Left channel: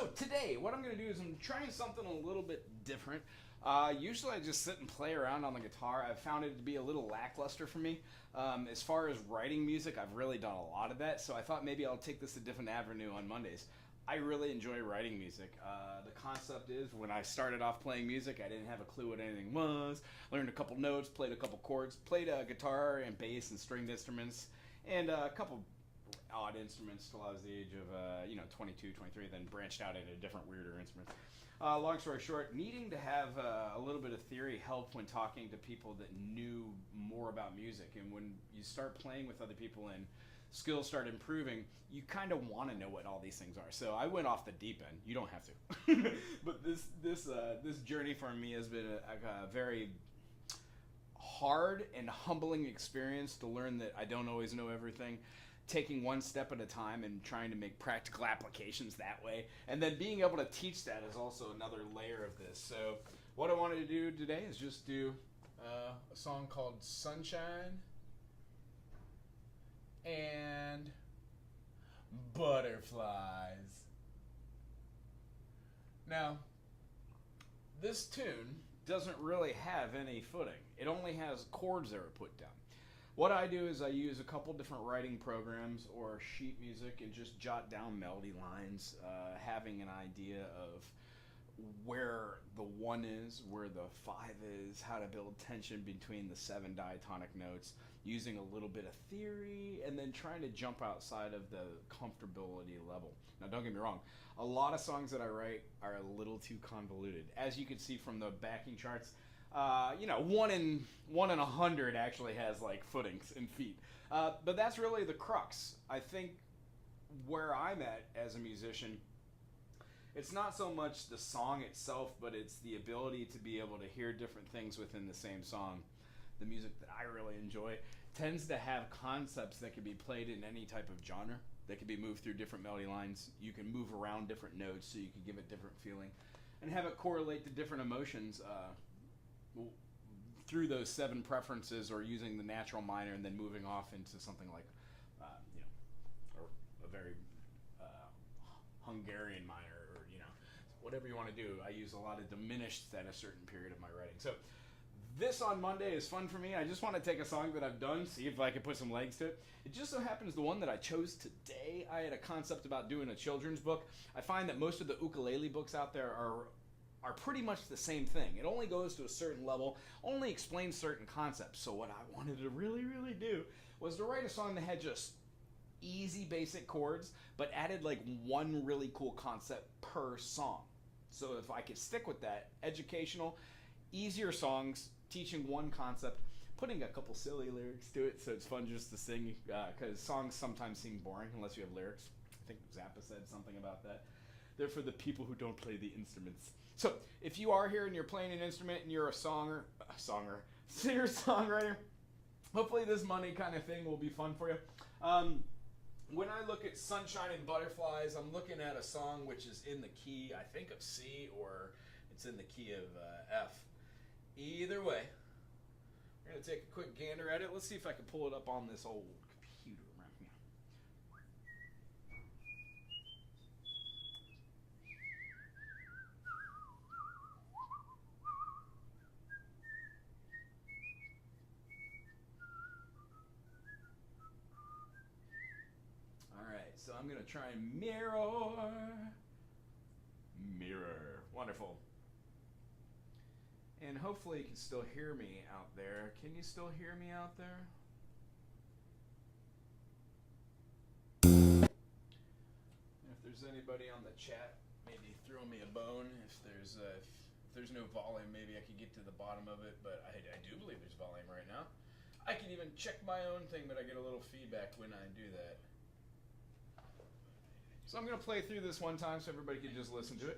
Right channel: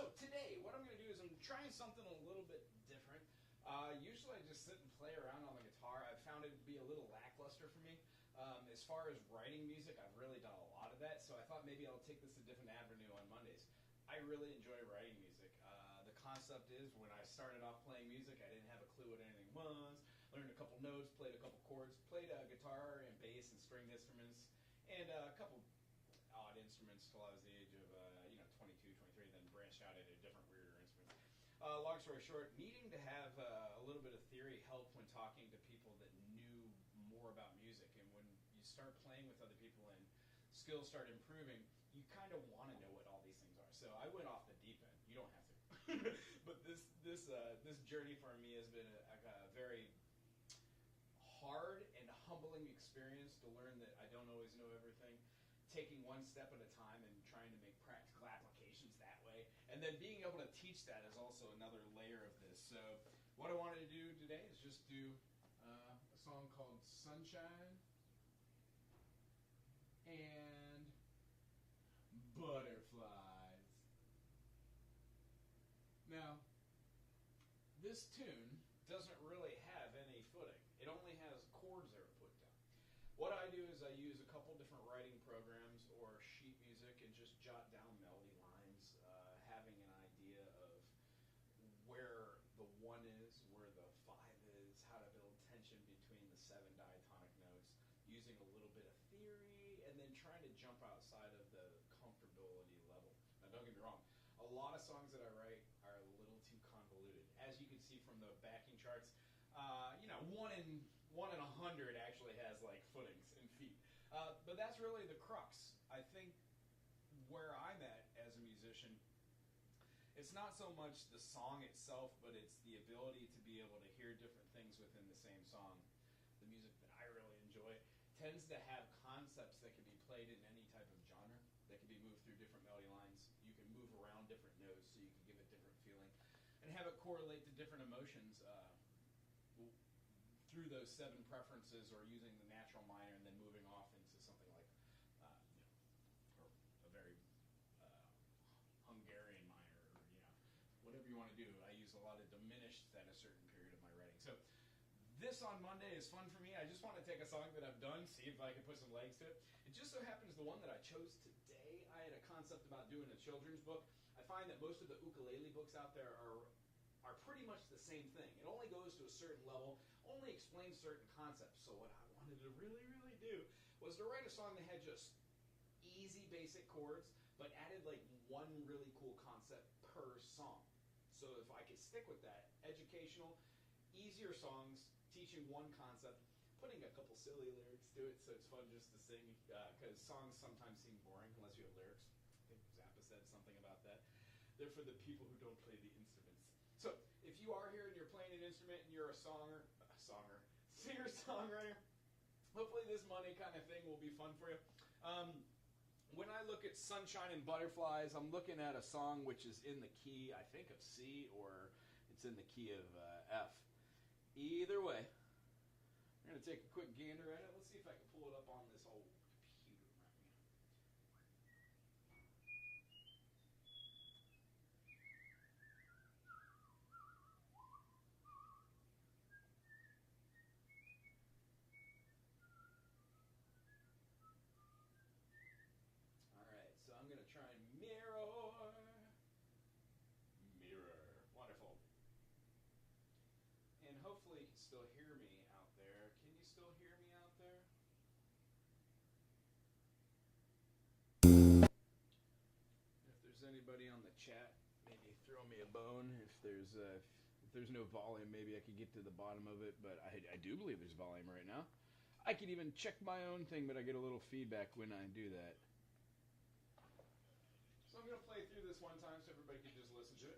So today, what I'm going to do is I'm trying something a little bit different. Usually I just sit and play around on the guitar. I've found it to be a little lackluster for me. As far as writing music, I've really done a lot of that, so I thought maybe I'll take this a different avenue on Mondays. I really enjoy writing music. The concept is when I started off playing music, I didn't have a clue what anything was. Learned a couple notes, played a couple chords, played guitar and bass and stringed instruments, and a couple odd instruments till I was the age of 22, 23, then branched out into different weirder instruments. Long story short, needing to have a little bit of theory helped when talking to people that knew more about music. And when you start playing with other people and skills start improving, you kind of want to know what all these things are. So I went off the deep end. You don't have to. But this journey for me has been a very hard and humbling experience to learn that I don't always know everything, taking one step at a time and trying to make practical applications that way. And then being able to teach that is also another layer of this. So what I wanted to do today is just do a song called Sunshine and Butterflies. Now, this tune doesn't really have any footing. It only has chords that are put down. What I do is I use a couple different writing programs or sheet music and just jot down melody lines, having an idea of where the 1 is, where the 5 is, how to build tension between the 7 diatonic notes, using a little bit of theory, and then trying to jump outside of the comfortability level. Now, don't get me wrong, a lot of songs that I write are a little too convoluted. As you can see from the backing charts, 1 in 100 actually has like footings and feet. But that's really the crux. I think where I'm at as a musician, it's not so much the song itself, but it's the ability to be able to hear different things within the same song. The music that I really enjoy tends to have concepts that can be played in any type of genre. They can be moved through different melody lines. You can move around different notes so you can give it different feeling and have it correlate to different emotions through those 7 preferences, or using the natural minor and then moving off into something like or a very Hungarian minor, or whatever you want to do. I use a lot of diminished at a certain period of my writing. So this on Monday is fun for me. I just want to take a song that I've done, see if I can put some legs to it. It just so happens the one that I chose today, I had a concept about doing a children's book. I find that most of the ukulele books out there are pretty much the same thing. It only goes to a certain level, only explains certain concepts. So what I wanted to really, really do was to write a song that had just easy basic chords, but added like one really cool concept per song. So if I could stick with that, educational, easier songs, teaching one concept, putting a couple silly lyrics to it so it's fun just to sing, because songs sometimes seem boring unless you have lyrics. I think Zappa said something about that. They're for the people who don't play the instruments. So if you are here and you're playing an instrument and you're a singer-songwriter, hopefully this Monday kind of thing will be fun for you. When I look at Sunshine and Butterflies, I'm looking at a song which is in the key, I think, of C, or it's in the key of F. Either way, we're going to take a quick gander at it. Let's see if I can pull it up on this old computer around here. Alright, so I'm going to try and mirror. Wonderful. And hopefully you can still hear me out there. Can you still hear me out there? If there's anybody on the chat, maybe throw me a bone. If there's no volume, maybe I could get to the bottom of it, but I do believe there's volume right now. I can even check my own thing, but I get a little feedback when I do that. So I'm going to play through this one time so everybody can just listen to it.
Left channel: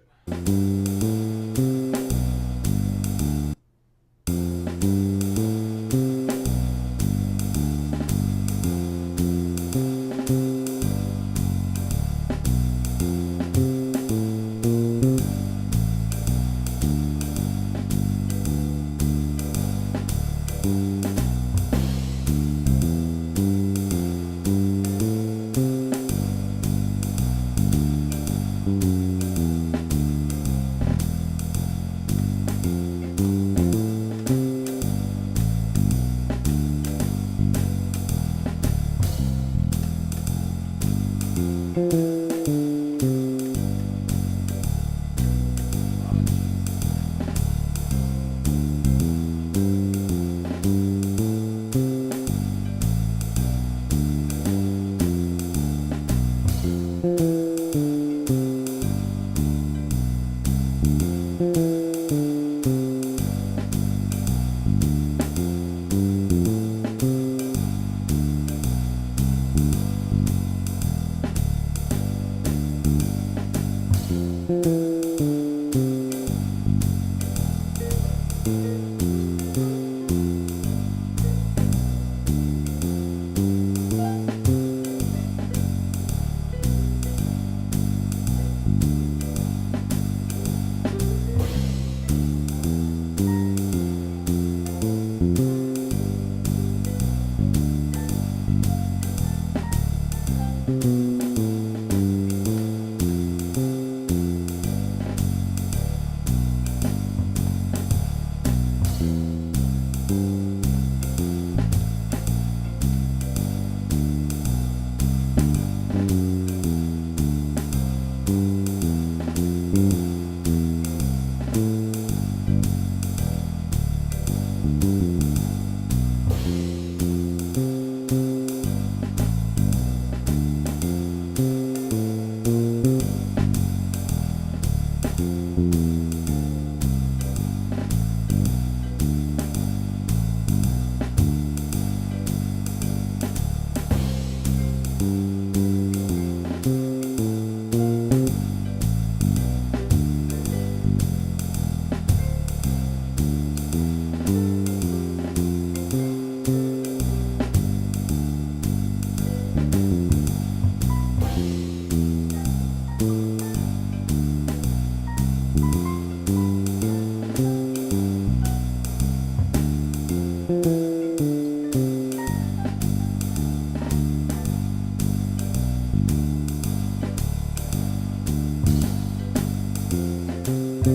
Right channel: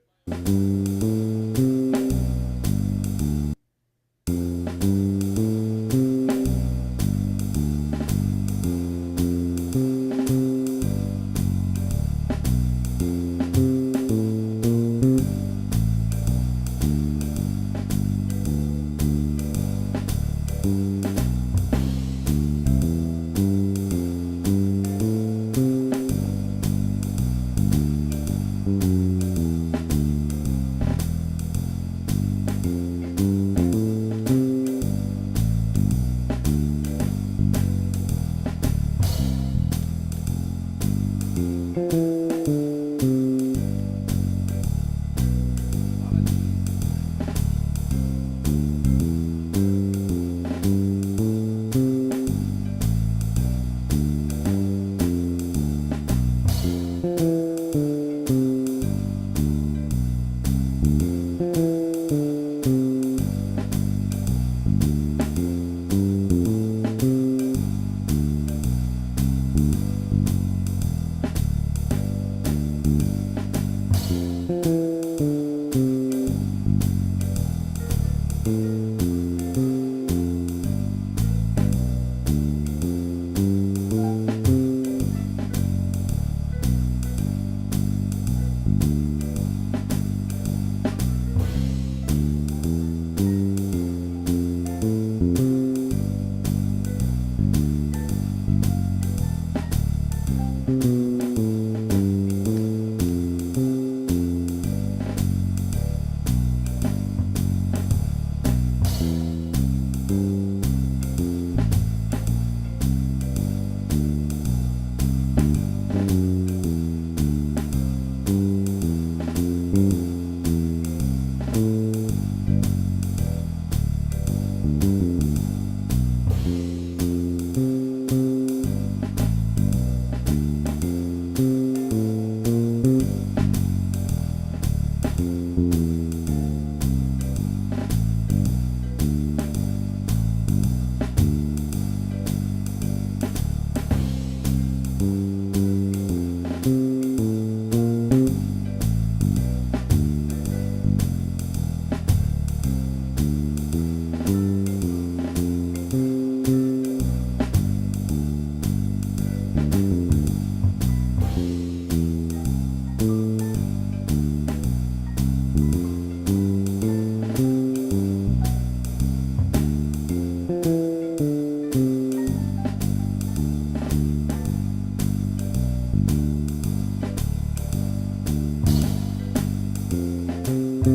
So,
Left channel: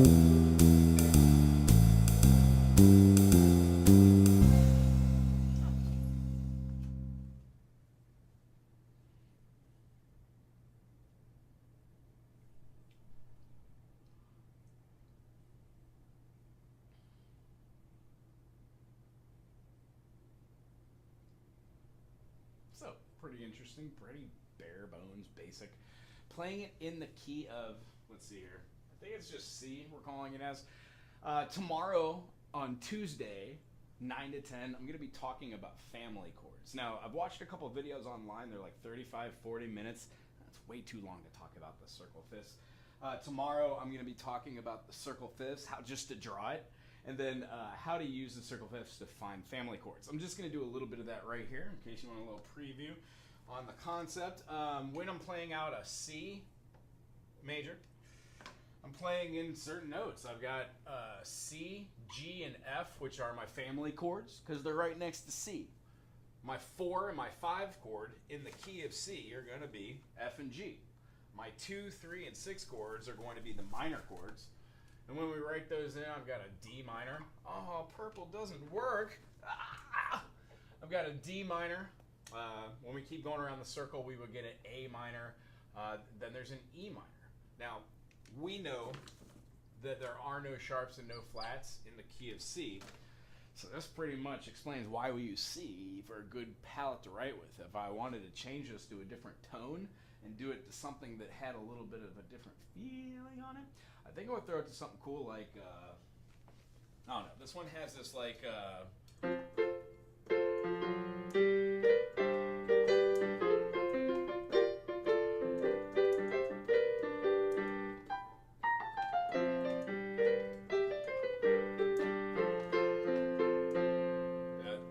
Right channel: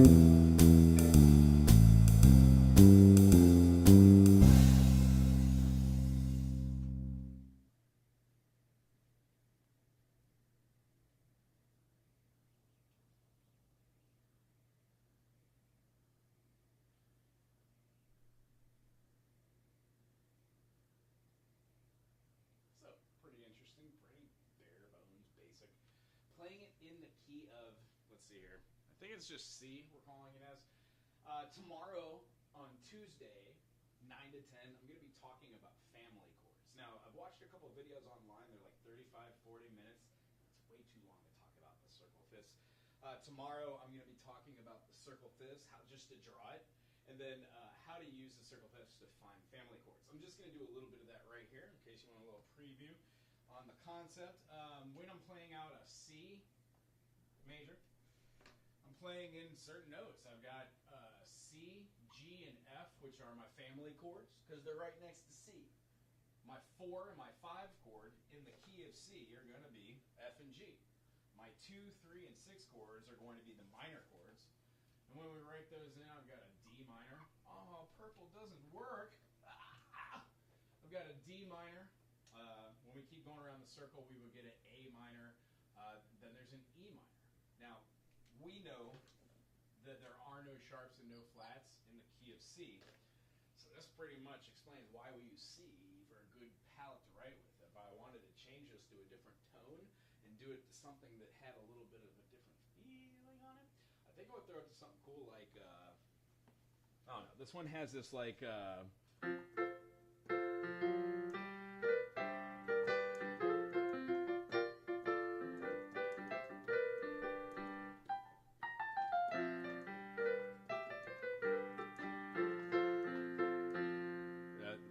pretty interesting, pretty bare bones, basic. Playing it in the key of, let's see here, I think it's just C, we're calling it as. Tomorrow, on Tuesday, 9 to 10, I'm going to be talking about family chords. Now, I've watched a couple of videos online, they're like 35, 40 minutes. That's way too long to talk about the circle fifths. Tomorrow, I'm going to be talking about the circle fifths, how just to draw it, and then how to use the circle fifths to find family chords. I'm just going to do a little bit of that right here, in case you want a little preview on the concept. When I'm playing out a C major, I'm playing in certain notes. I've got C, G, and F, which are my family chords, because they're right next to C. My 4 and my 5 chord in the key of C are going to be F and G. My 2, 3, and 6 chords are going to be the minor chords. And when we write those in, I've got a D minor. Oh, purple doesn't work. Ah! I've got a D minor. When we keep going around the circle, we would get an A minor. Then there's an E minor. Now, we know that there are no sharps and no flats in the key of C. So this pretty much explains why we use C for a good palette to write with. If I wanted to change this to a different tone and do it to something that had a little bit of a different feeling on it, I think I would throw it to something cool like, I don't know, this one has this like,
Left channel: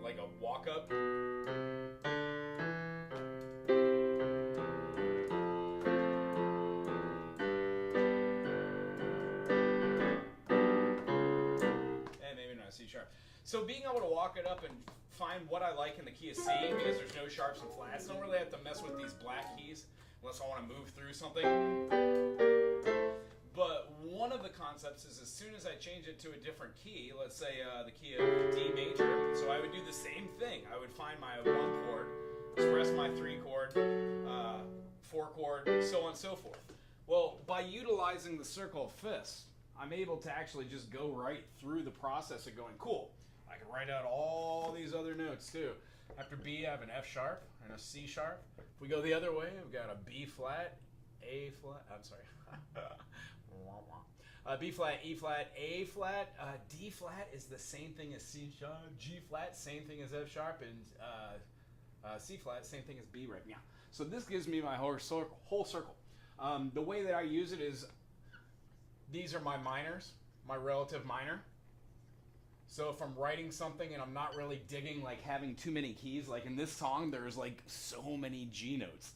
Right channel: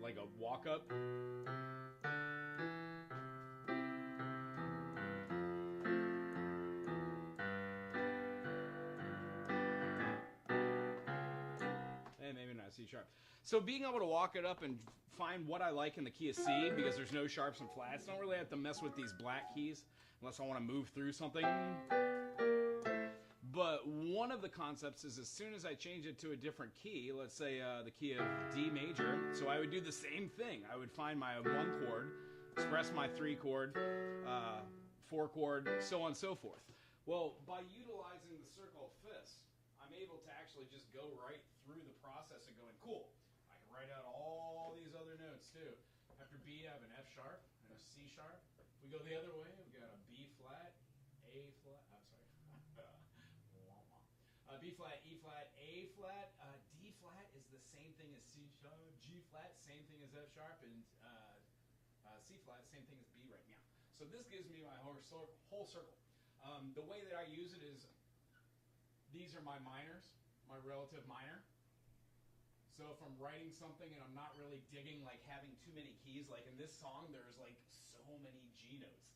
like a walk up. C sharp. So being able to walk it up and find what I like in the key of C, because there's no sharps and flats, I don't really have to mess with these black keys unless I want to move through something. But one of the concepts is as soon as I change it to a different key, let's say the key of D major, so I would do the same thing. I would find my 1 chord, express my 3 chord, 4 chord, so on and so forth. Well, by utilizing the circle of fifths, I'm able to actually just go right through the process of going, cool, I can write out all these other notes too. After B, I have an F sharp and a C sharp. If we go the other way, we've got a B flat, A flat, I'm sorry. B flat, E flat, A flat, D flat is the same thing as C sharp, G flat, same thing as F sharp, and C flat, same thing as B right now. So this gives me my whole circle. The way that I use it is, these are my minors, my relative minor. So if I'm writing something and I'm not really digging like having too many keys, like in this song, there's like so many G notes.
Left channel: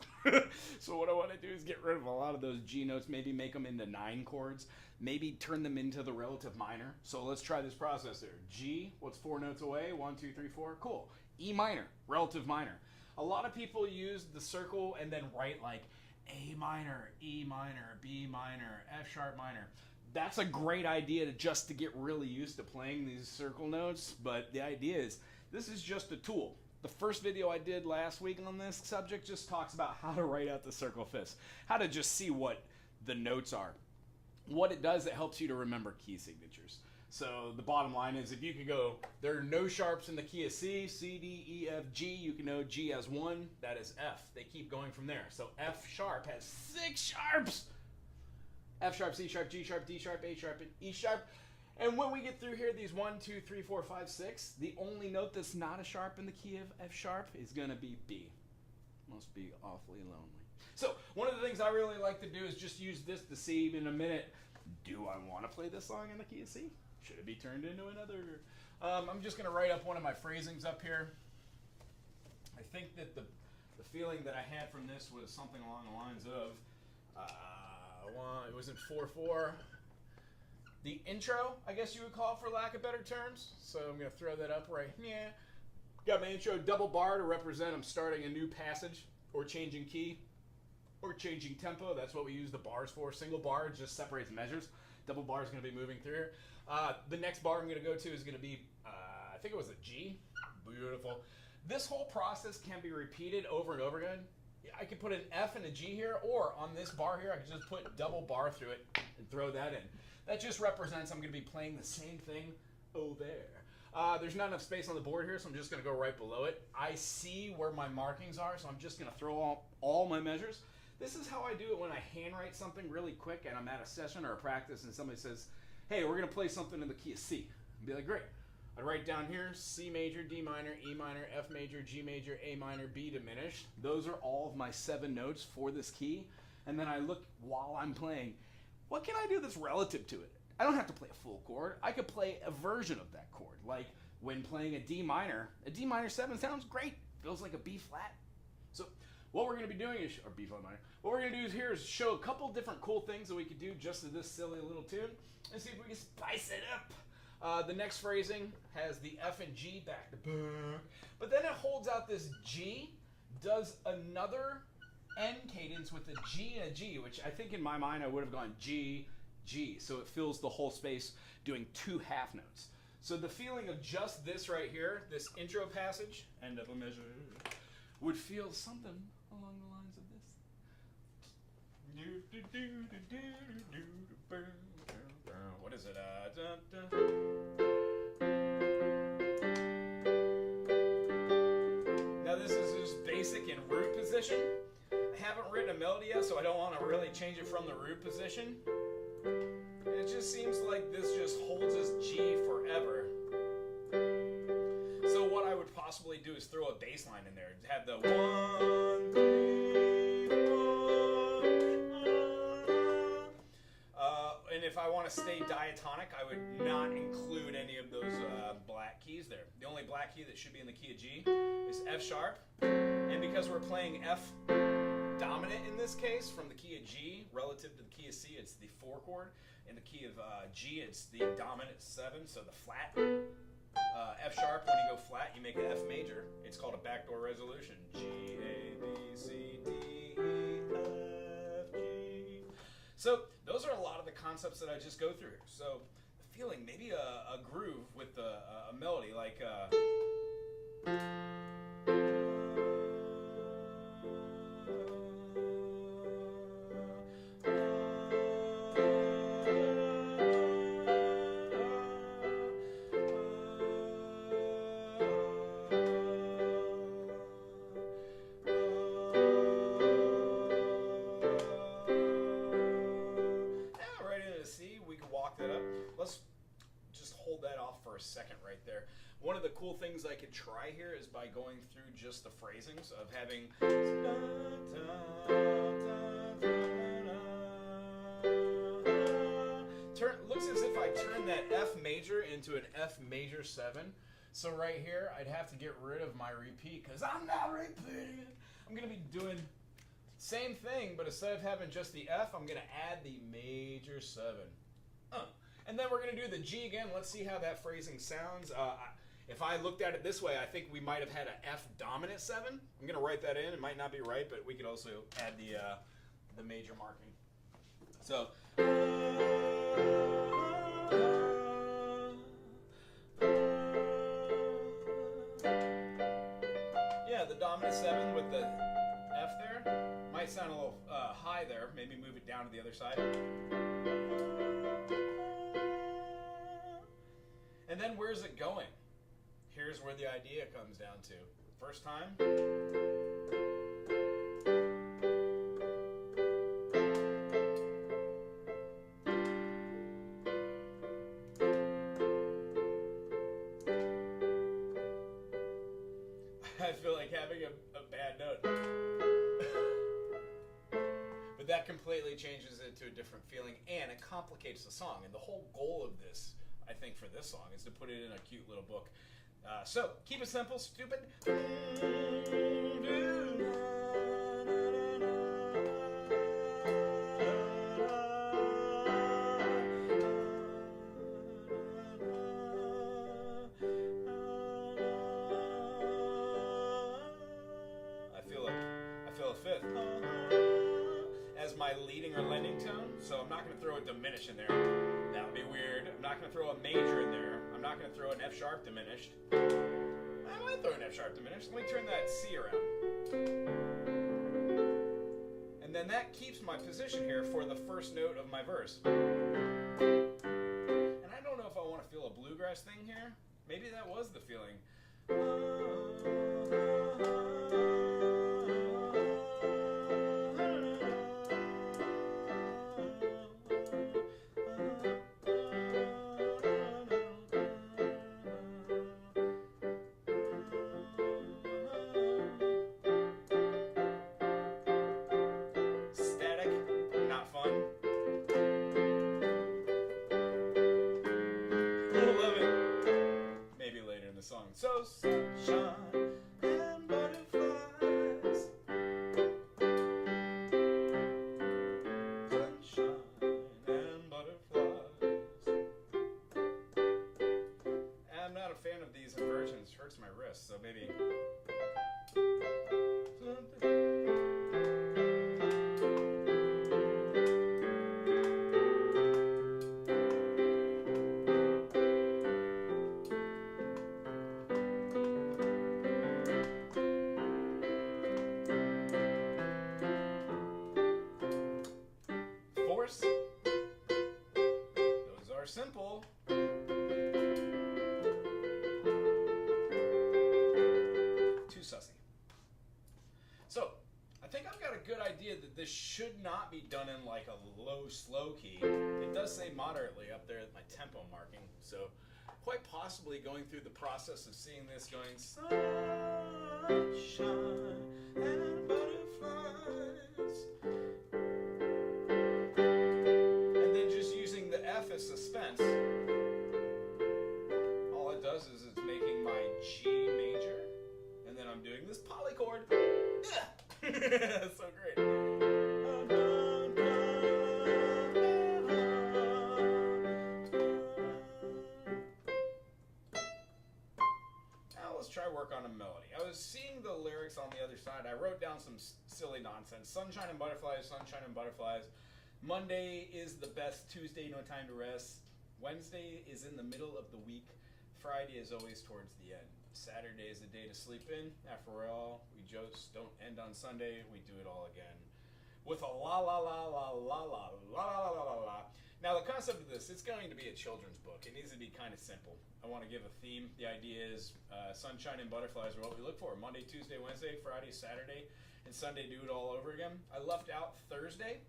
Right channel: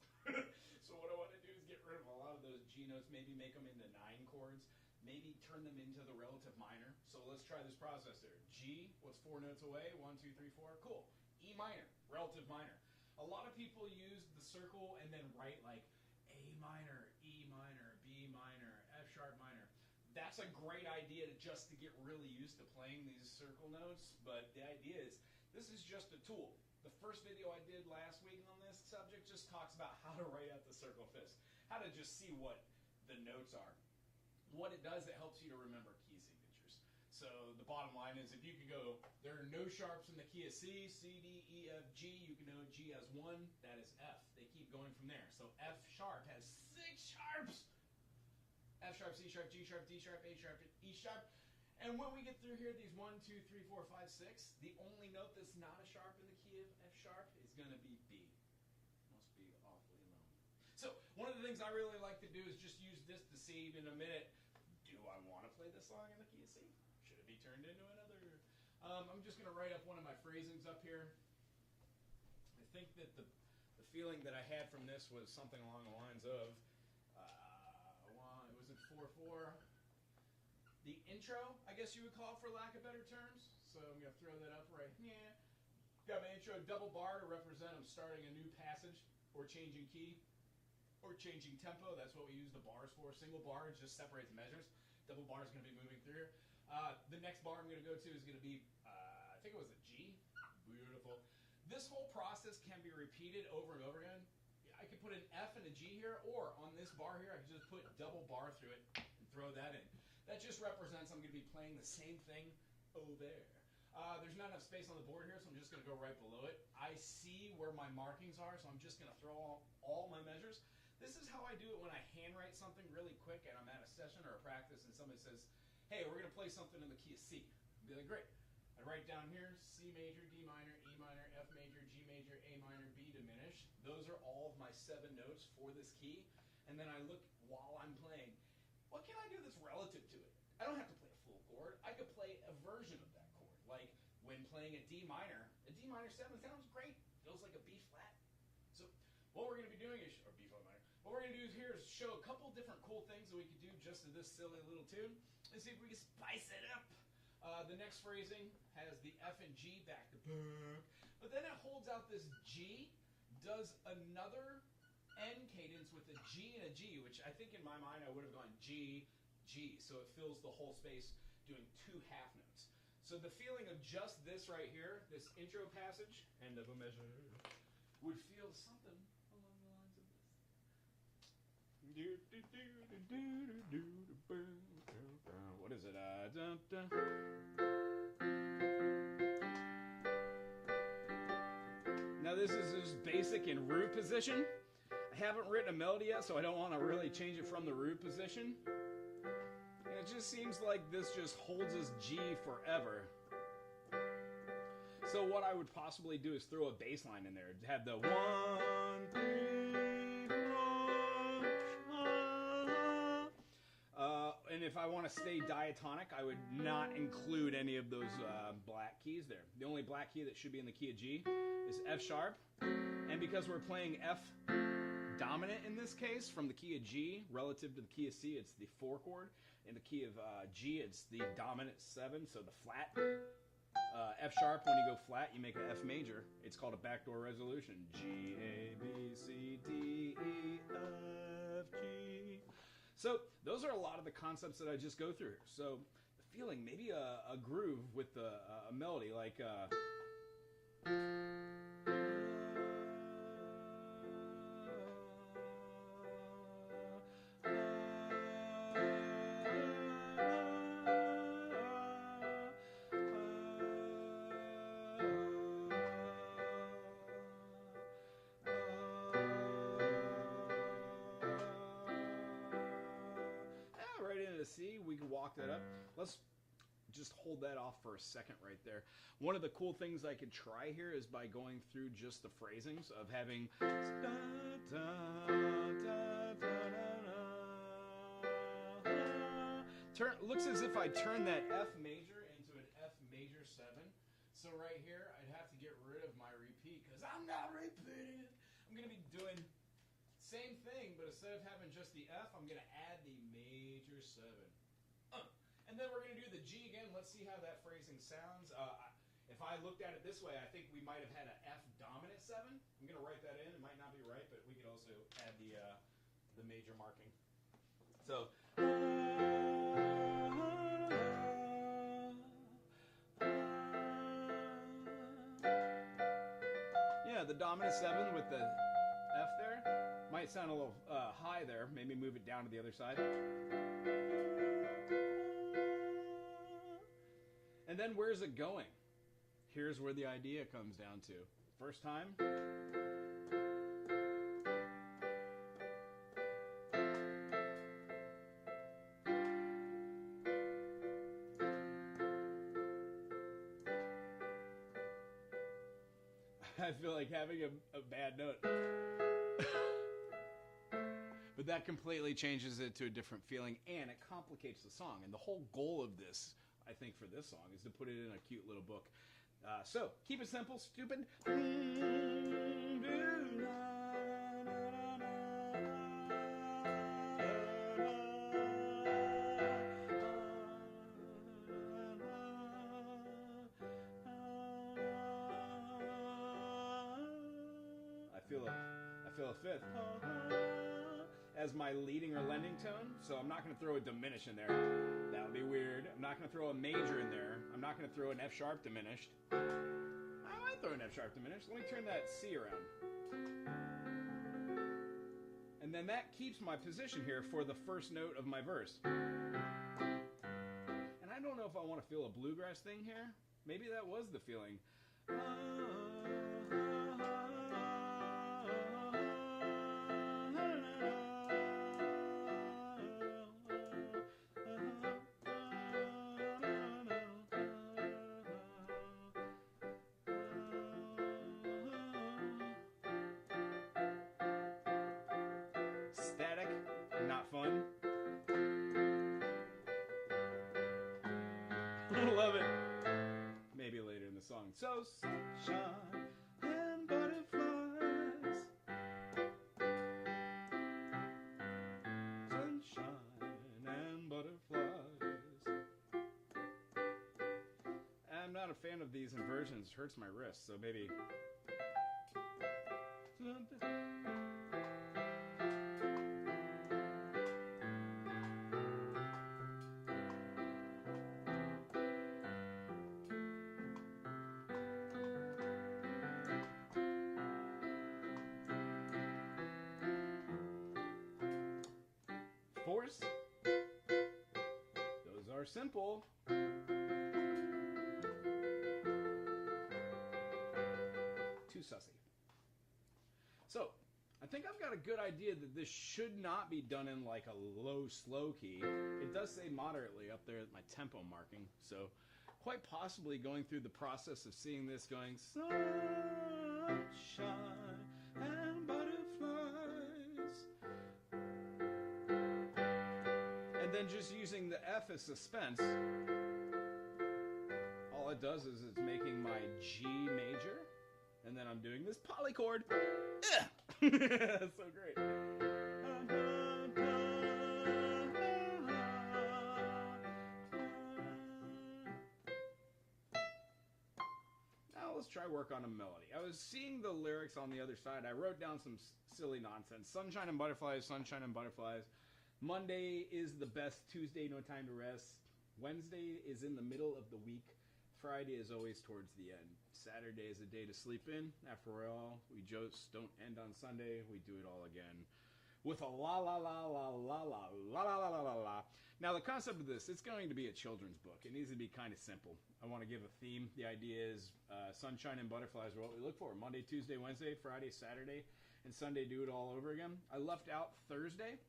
So what I want to do is get rid of a lot of those G notes, maybe make them into 9 chords, maybe turn them into the relative minor. So let's try this process here. G, what's 4 notes away? 1, 2, 3, 4, cool. E minor, relative minor. A lot of people use the circle and then write like A minor, E minor, B minor, F sharp minor. That's a great idea to get really used to playing these circle notes, but the idea is this is just a tool. The first video I did last week on this subject just talks about how to write out the circle fifths, how to just see what the notes are. What it does, it helps you to remember key signatures. So the bottom line is if you could go, there are no sharps in the key of C, C, D, E, F, G, you can know G has 1, that is F. They keep going from there. So F sharp has 6 sharps. F sharp, C sharp, G sharp, D sharp, A sharp, and E sharp. And when we get through here, these 1, 2, 3, 4, 5, 6, the only note that's not a sharp in the key of F sharp is going to be B. Must be awfully lonely. So one of the things I really like to do is just use this to see in a minute, do I want to play this song in the key of C? Should it be turned into another? I'm just going to write up one of my phrasings up here. I think that the feeling that I had from this was something along the lines of, it was in 4/4. The intro, I guess you would call it for lack of better terms. So I'm going to throw that up right here. Got my intro double bar to represent I'm starting a new passage or changing key or changing tempo. That's what we use the bars for. Single bar just separates measures. double bar is going to be moving through here. The next bar I'm going to go to is going to be, I think it was a G. Beautiful. This whole process can be repeated over and over again. I could put an F and a G here, or on this bar here, I could just put double bar through it and throw that in. That just represents I'm going to be playing the same thing over there. There's not enough space on the board here, so I'm just going to go right below it. I see where my markings are, so I'm just going to throw all my measures. This is how I do it when I handwrite something really quick and I'm at a session or a practice and somebody says, hey, we're going to play something in the key of C. I'd be like, great. I'd write down here C major, D minor, E minor, F major, G major, A minor, B diminished. Those are all of my 7 notes for this key. And then I look while I'm playing, what can I do that's relative to it? I don't have to play a full chord. I could play a version of that chord. Like when playing a D minor 7 sounds great. Feels like a B flat. So what we're going to be doing is, or B flat minor, what we're going to do here is show a couple different cool things that we could do just to this silly little tune and see if we can spice it up. The next phrasing has the F and G back to back, but then it holds out this G, does another end cadence with a G and a G, which I think in my mind I would have gone G, G, so it fills the whole space doing 2 half notes. So the feeling of just this right here, this intro passage, end of a measure, would feel something along the lines of this. What is it? Now this is just basic in root position. I haven't written a melody yet, so I don't want to really change it from the root position. It just seems like this just holds this G forever. So what I would possibly do is throw a bass line in there. Have the 1, 3, 4. And if I want to stay diatonic, I would not include any of those black keys there. The only black key that should be in the key of G is F sharp. And because we're playing F dominant in this case, from the key of G relative to the key of C, it's the 4 chord. In the key of G, it's the dominant 7, so the flat. F sharp, when you go flat, you make an F major. It's called a backdoor resolution. G, A, B, C, D, E, F, G. So those are a lot of the concepts that I just go through here. So the feeling, maybe a groove with a melody like... Let's just hold that off for a second right there. One of the cool things I could try here is by going through just the phrasings of having looks as if I turn that F major into an F major 7. So right here I'd have to get rid of my repeat because I'm not repeating it. I'm going to be doing same thing, but instead of having just the F, I'm going to add the major 7. And then we're going to do the G again. Let's see how that phrasing sounds. If I looked at it this way, I think we might have had an F dominant 7. I'm going to write that in. It might not be right, but we could also add the major marking. So. Yeah, the dominant 7 with the F there. Might sound a little high there. Maybe move it down to the other side. And then where's it going? Here's where the idea comes down to. First time. I feel like having a bad note. But that completely changes it to a different feeling and it complicates the song. And the whole goal of this, I think, for this song is to put it in a cute little book. So, keep it simple, stupid. I feel a fifth as my leading or lending tone, so I'm not going to throw a diminish in there. to throw a major in there. I'm not going to throw an F sharp diminished. I might throw an F sharp diminished. Let me turn that C around. And then that keeps my position here for the first note of my verse. And I don't know if I want to feel a bluegrass thing here. Maybe that was the feeling. Static, not fun. Love it. Maybe later in the song. So sunshine and butterflies. Sunshine and butterflies. I'm not a fan of these inversions. Hurts my wrist, so maybe. Force. Those are simple. Too sussy. So, I think I've got a good idea that this should not be done in like a low, slow key. It does say moderately up there at my tempo marking. So, quite possibly going through the process of seeing this going sunshine and butterflies. And then just using the F as suspense. All it does is it's making my G major. And then I'm doing this polychord. That's so great. Now let's try work on a melody. I was seeing the lyrics on the other side. I wrote down some silly nonsense. Sunshine and butterflies, sunshine and butterflies. Monday is the best. Tuesday, no time to rest. Wednesday is in the middle of the week. Friday is always towards the end. Saturday is a day to sleep in. After all, we just don't end on Sunday. We do it all again. With a la la la la la la la la la la la. Now the concept of this, it's going to be a children's book. It needs to be kind of simple. I want to give a theme. The idea is sunshine and butterflies are what we look for. Monday, Tuesday, Wednesday, Friday, Saturday, and Sunday do it all over again. I left out Thursday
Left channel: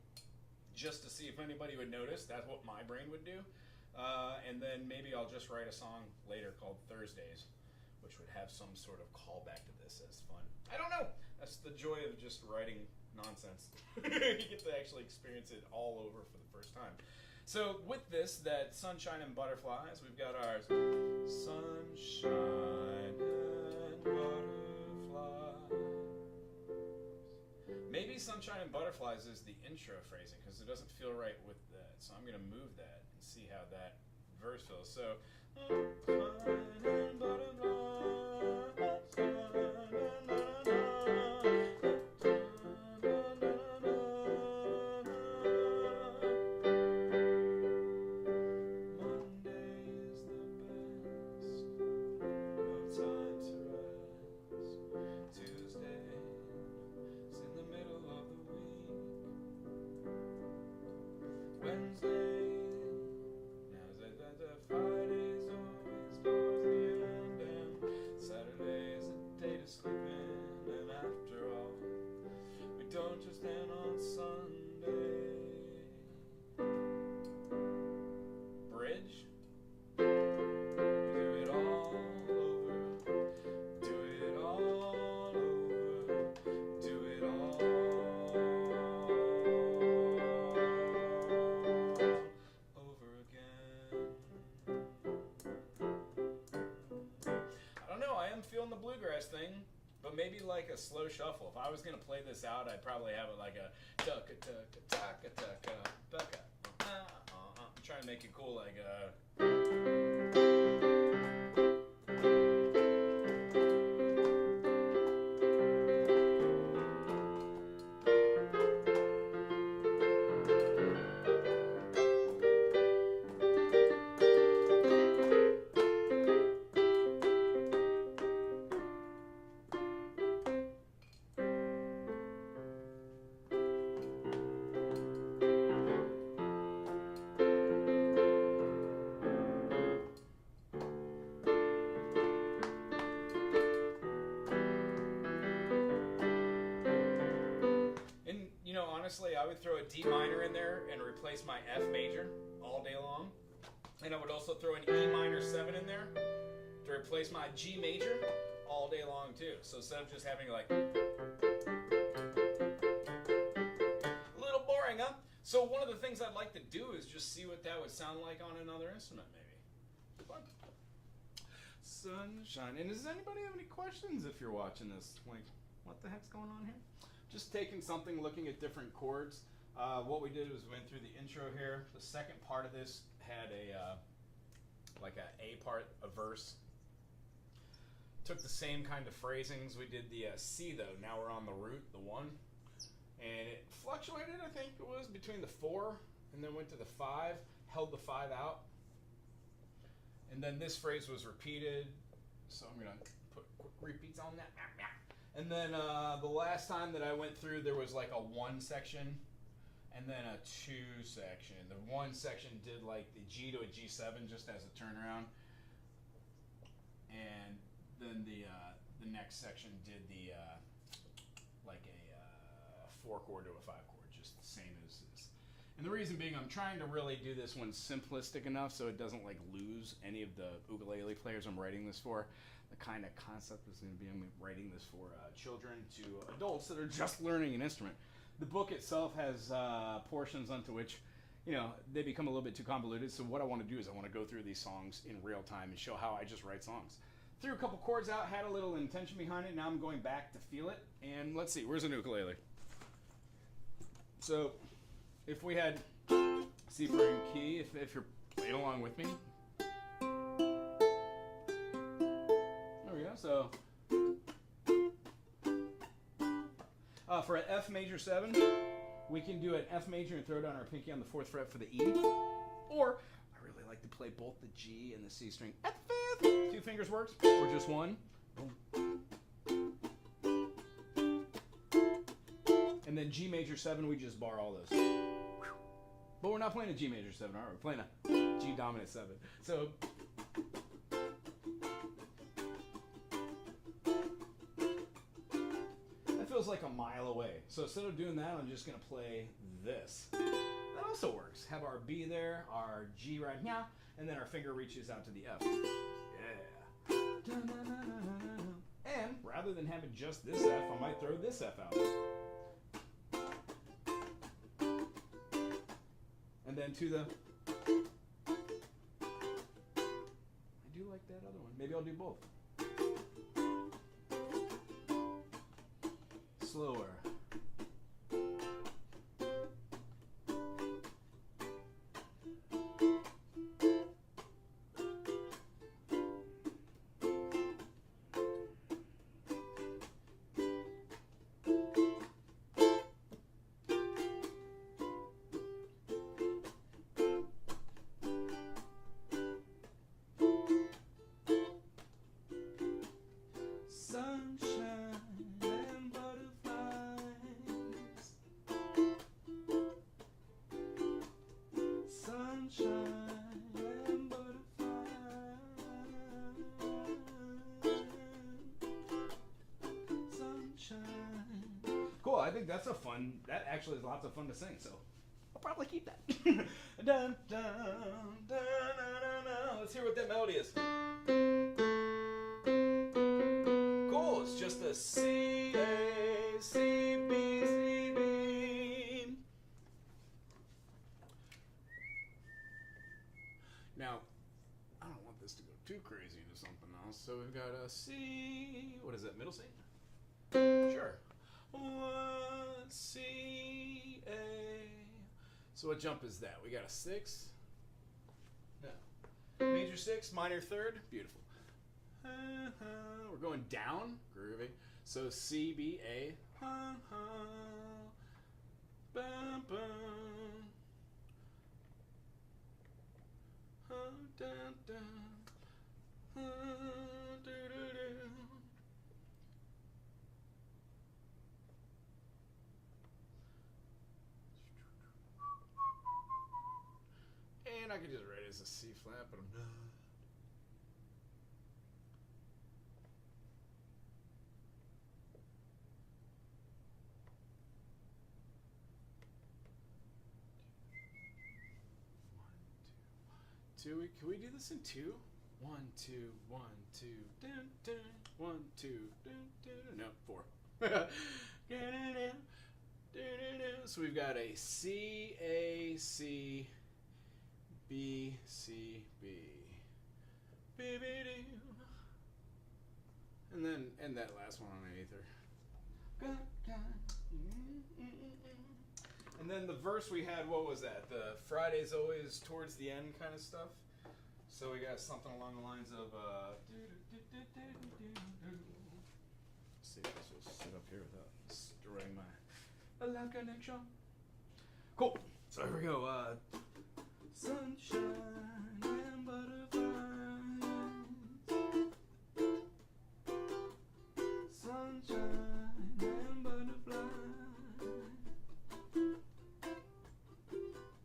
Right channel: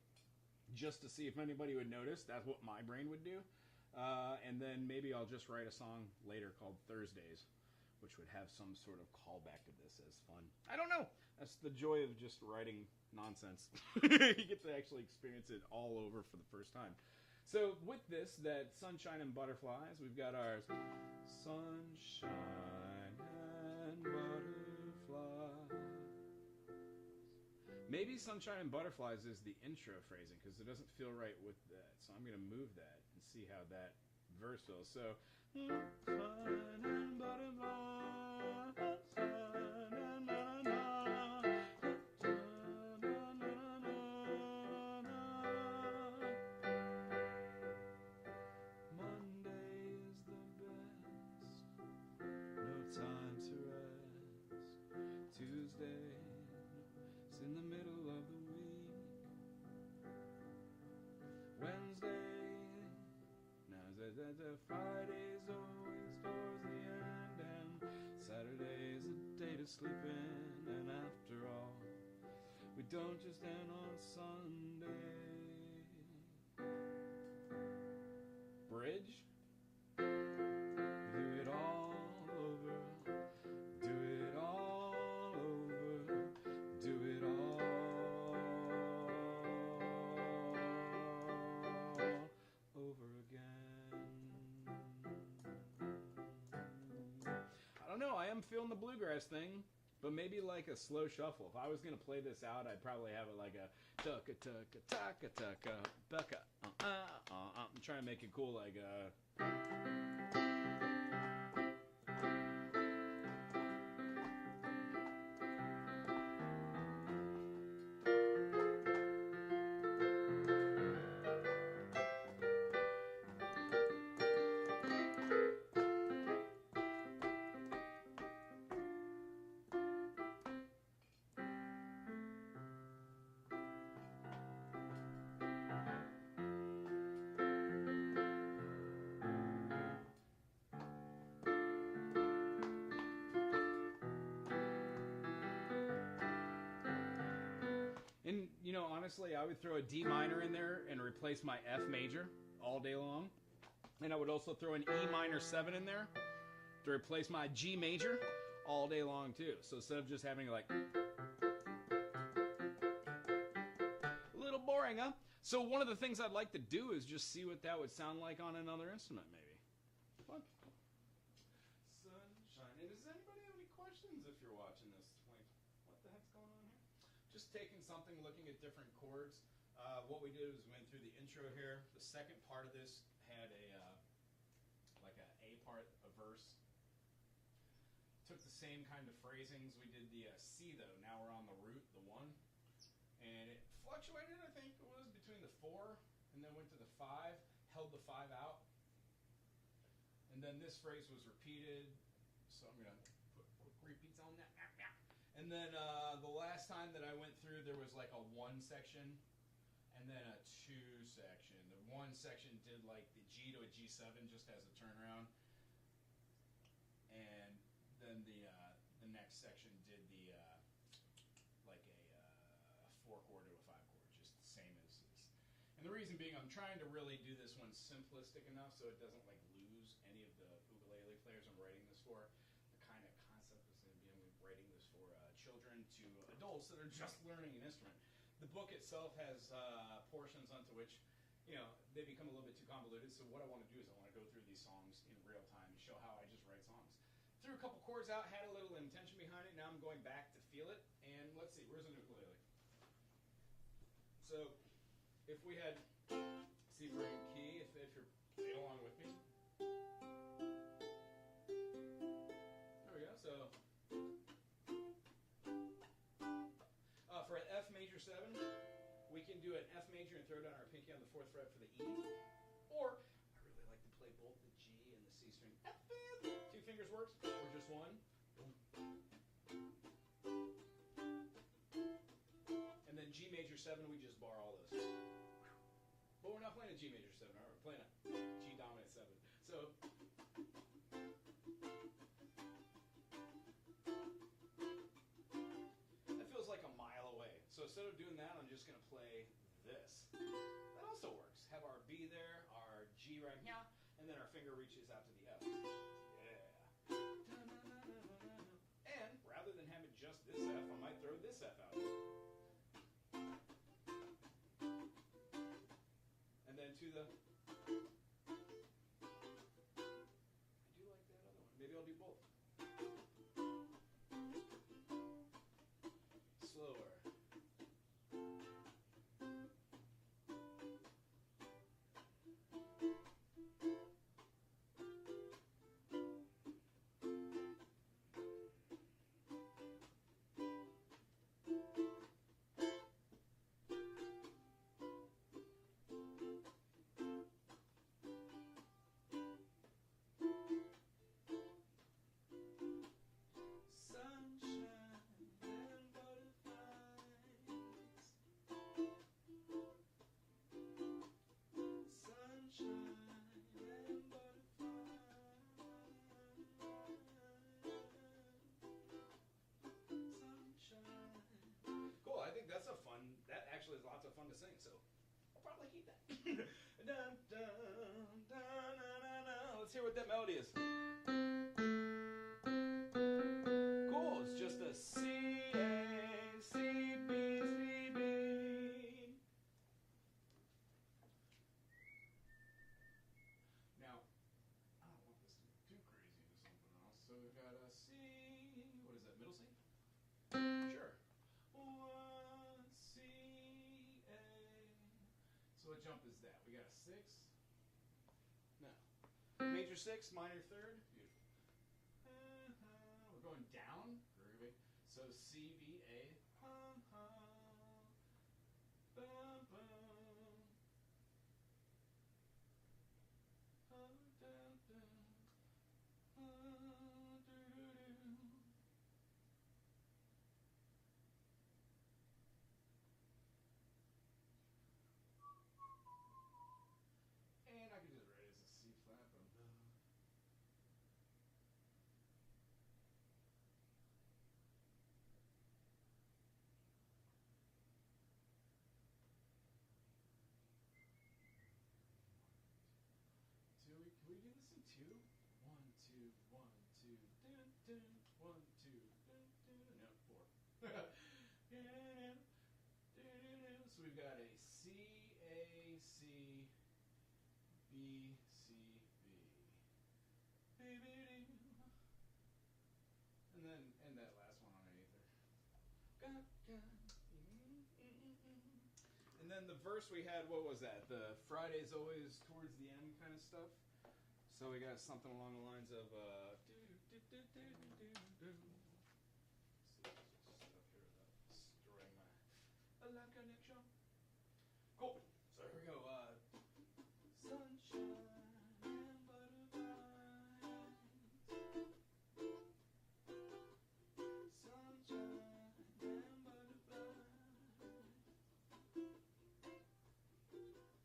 just to see if anybody would notice. That's what my brain would do. And then maybe I'll just write a song later called Thursdays, which would have some sort of callback to this as fun. I don't know. That's the joy of just writing nonsense. You get to actually experience it all over for the first time. So with this, that sunshine and butterflies, we've got our sunshine and butterflies. Maybe sunshine and butterflies is the intro phrasing because it doesn't feel right with that. So I'm going to move that and see how that verse feels. So sunshine and butterflies, don't just end on Sunday. Bridge. Do it all over. Do it all over. Do it all over again. I don't know. I am feeling the bluegrass thing. But maybe like a slow shuffle. If I was gonna play this out, I'd probably have it like a tucka tucka tucka tucka tucka. I'm trying to make it cool, like honestly, I would throw a D minor in there and replace my F major all day long. And I would also throw an E minor 7 in there to replace my G major all day long too. So instead of just having like a little boring, huh? So one of the things I'd like to do is just see what that would sound like on another instrument, maybe. Fun. Sunshine. And does anybody have any questions if you're watching this? Like, what the heck's going on here? Just taking something, looking at different chords. What we did was went through the intro here. The second part of this had a like a part, a verse. Took the same kind of phrasings. We did the C though. Now we're on the root, the 1, and it fluctuated. I think it was between the 4 and then went to the 5. Held the 5 out, and then this phrase was repeated. So I'm gonna put quick repeats on that. And then the last time that I went through, there was like a 1 section. And then a 2 section. The 1 section did like the G to a G7 just as a turnaround, and then the next section did the like a 4 chord to a 5 chord, just the same as this. And the reason being, I'm trying to really do this one simplistic enough so it doesn't like lose any of the ukulele players I'm writing this for. The kind of concept is going to be I'm writing this for children to adults that are just learning an instrument. The book itself has portions onto which, you know, they become a little bit too convoluted. So what I want to do is I want to go through these songs in real time and show how I just write songs. Threw a couple chords out, had a little intention behind it. Now I'm going back to feel it. And let's see, where's an ukulele? So if we had C for in key, if you're playing along with me. There we go. So for an F major 7, we can do an F major and throw down our pinky on the 4th fret for the E. Or, I really like to play both the G and the C string at the 5th. 2 fingers works, or just 1. And then G major 7, we just bar all those. But we're not playing a G major 7, are we? We're playing a G dominant 7. So, feels like a mile away. So instead of doing that, I'm just going to play this. That also works. Have our B there, our G right now, and then our finger reaches out to the F. Yeah. And rather than having just this F, I might throw this F out. And then to the... I do like that other one. Maybe I'll do both. Slower. Cool, I think that's a fun, that actually is lots of fun to sing, so I'll probably keep that. Dun, dun, dun, dun, dun, dun. Let's hear what that melody is. Cool, it's just a C, A, C, B, C, B. Now, I don't want this to go too crazy into something else, so we've got a C, what is that, middle C? Sure. 1, C, A. So what jump is that? We got a 6? No. Major 6, minor 3rd. Beautiful. We're going down. Groovy. So C, B, A. Bum, bum. Dun, dun. And I could just write it as a C flat, but I'm not. 2. Can we do this in 2? 1, 2, 1, 2, dun, dun, 1, 2, dun, dun. No, 4. So we've got a C, A, C, B, C, B. And then end that last one on an aether. And then the verse we had, what was that? The Friday's always towards the end kind of stuff. So we got something along the lines of let's see if this will sit up here without destroying my loud connection. Cool. So here we go. Sunshine and butterflies. Sunshine and butterflies.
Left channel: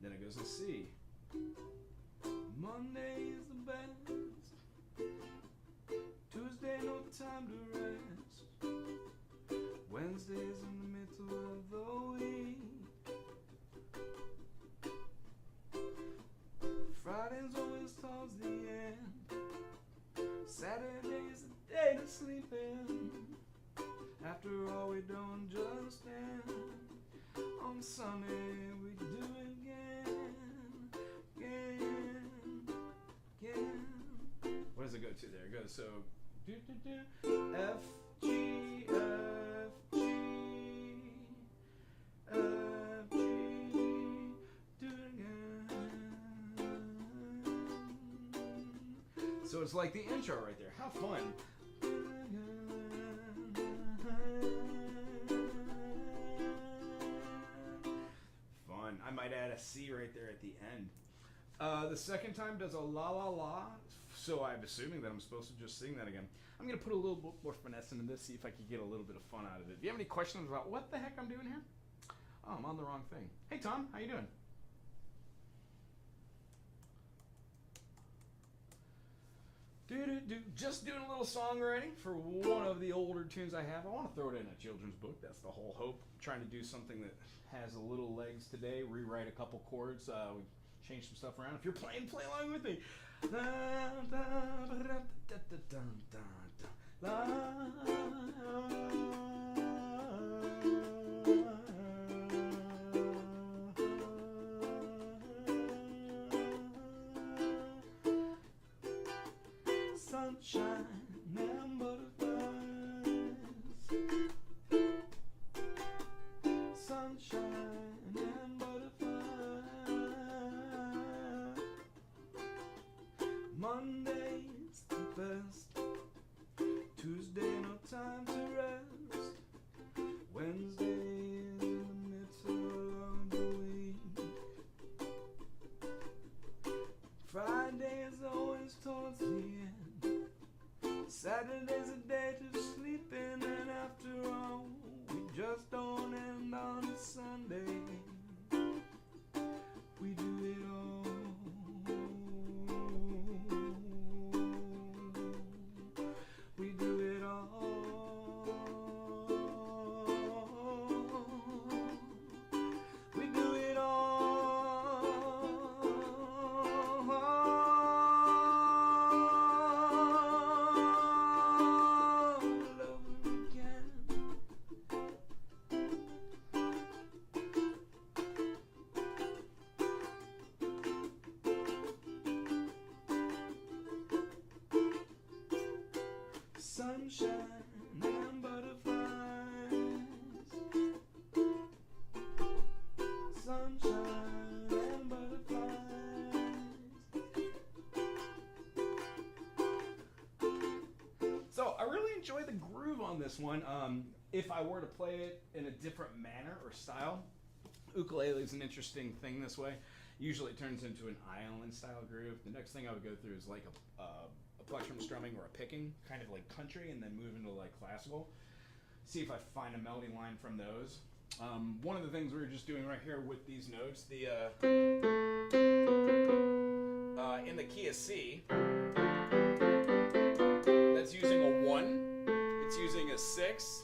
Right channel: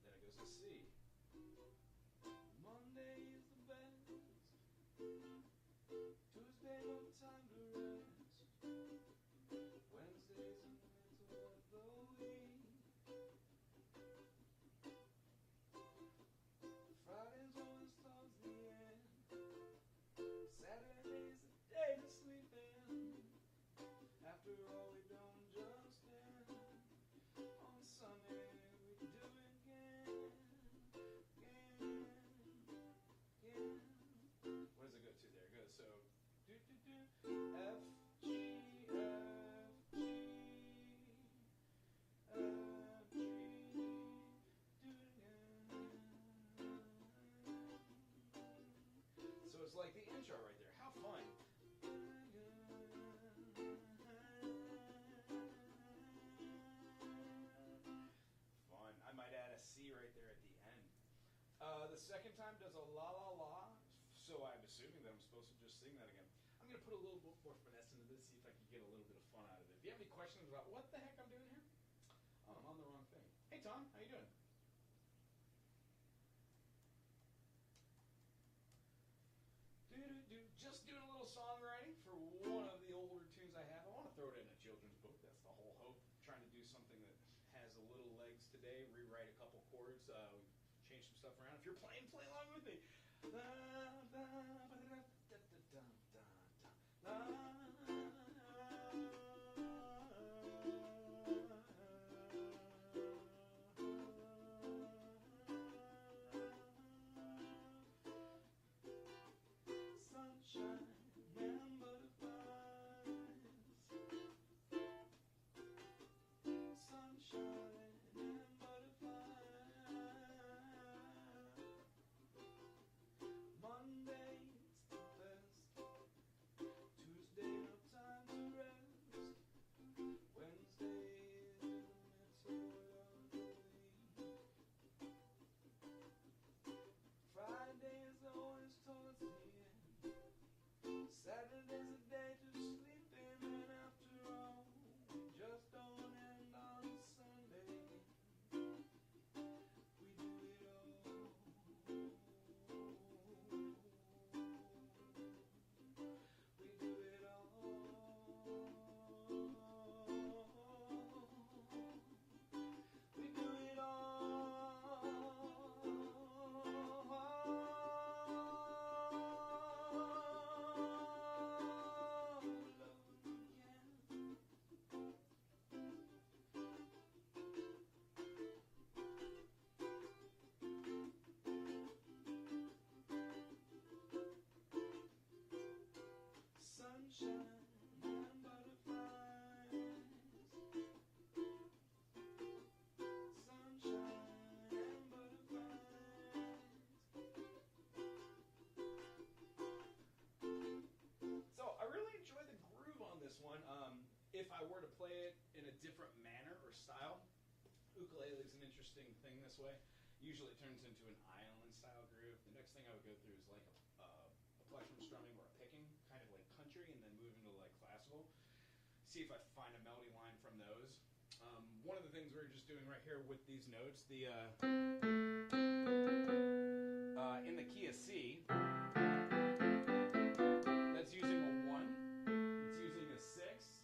Then it goes to C. Monday is the best. Tuesday, no time to rest. Wednesday's in the middle of the week. Friday's always towards the end. Saturday's the day to sleep in. After all, we don't just end. On Sunday, we do it again. What does it go to there? It goes so F, G, F, G, F, G, do it again. So it's like the intro right there. How fun. Fun. I might add a C right there at the end. The second time does a la la la, so I'm assuming that I'm supposed to just sing that again. I'm going to put a little bit more finesse into this, see if I can get a little bit of fun out of it. Do you have any questions about what the heck I'm doing here? Oh, I'm on the wrong thing. Hey Tom, how you doing? Just doing a little songwriting for one of the older tunes I have. I want to throw it in a children's book. That's the whole hope. I'm trying to do something that has a little legs today, rewrite a couple chords, change some stuff around. If you're playing, play along with me. Sunshine and butterflies. Sunshine and butterflies. Monday's the best. Tuesday, no time to rest. Wednesday's in the middle of the week. Friday's always towards the end. Saturday's a day to sleep in, and after all, we just don't end on a Sunday. We do it all. We do it all. We do it all. Sunshine and butterflies. Sunshine and butterflies. So I really enjoy the groove on this one. If I were to play it in a different manner or style, ukulele is an interesting thing this way. Usually it turns into an island style groove. The next thing I would go through is like a plectrum strumming or a picking, kind of like country, and then move into like classical. See if I find a melody line from those. One of the things we were just doing right here with these notes, the in the key of C, that's using a 1. It's using a 6.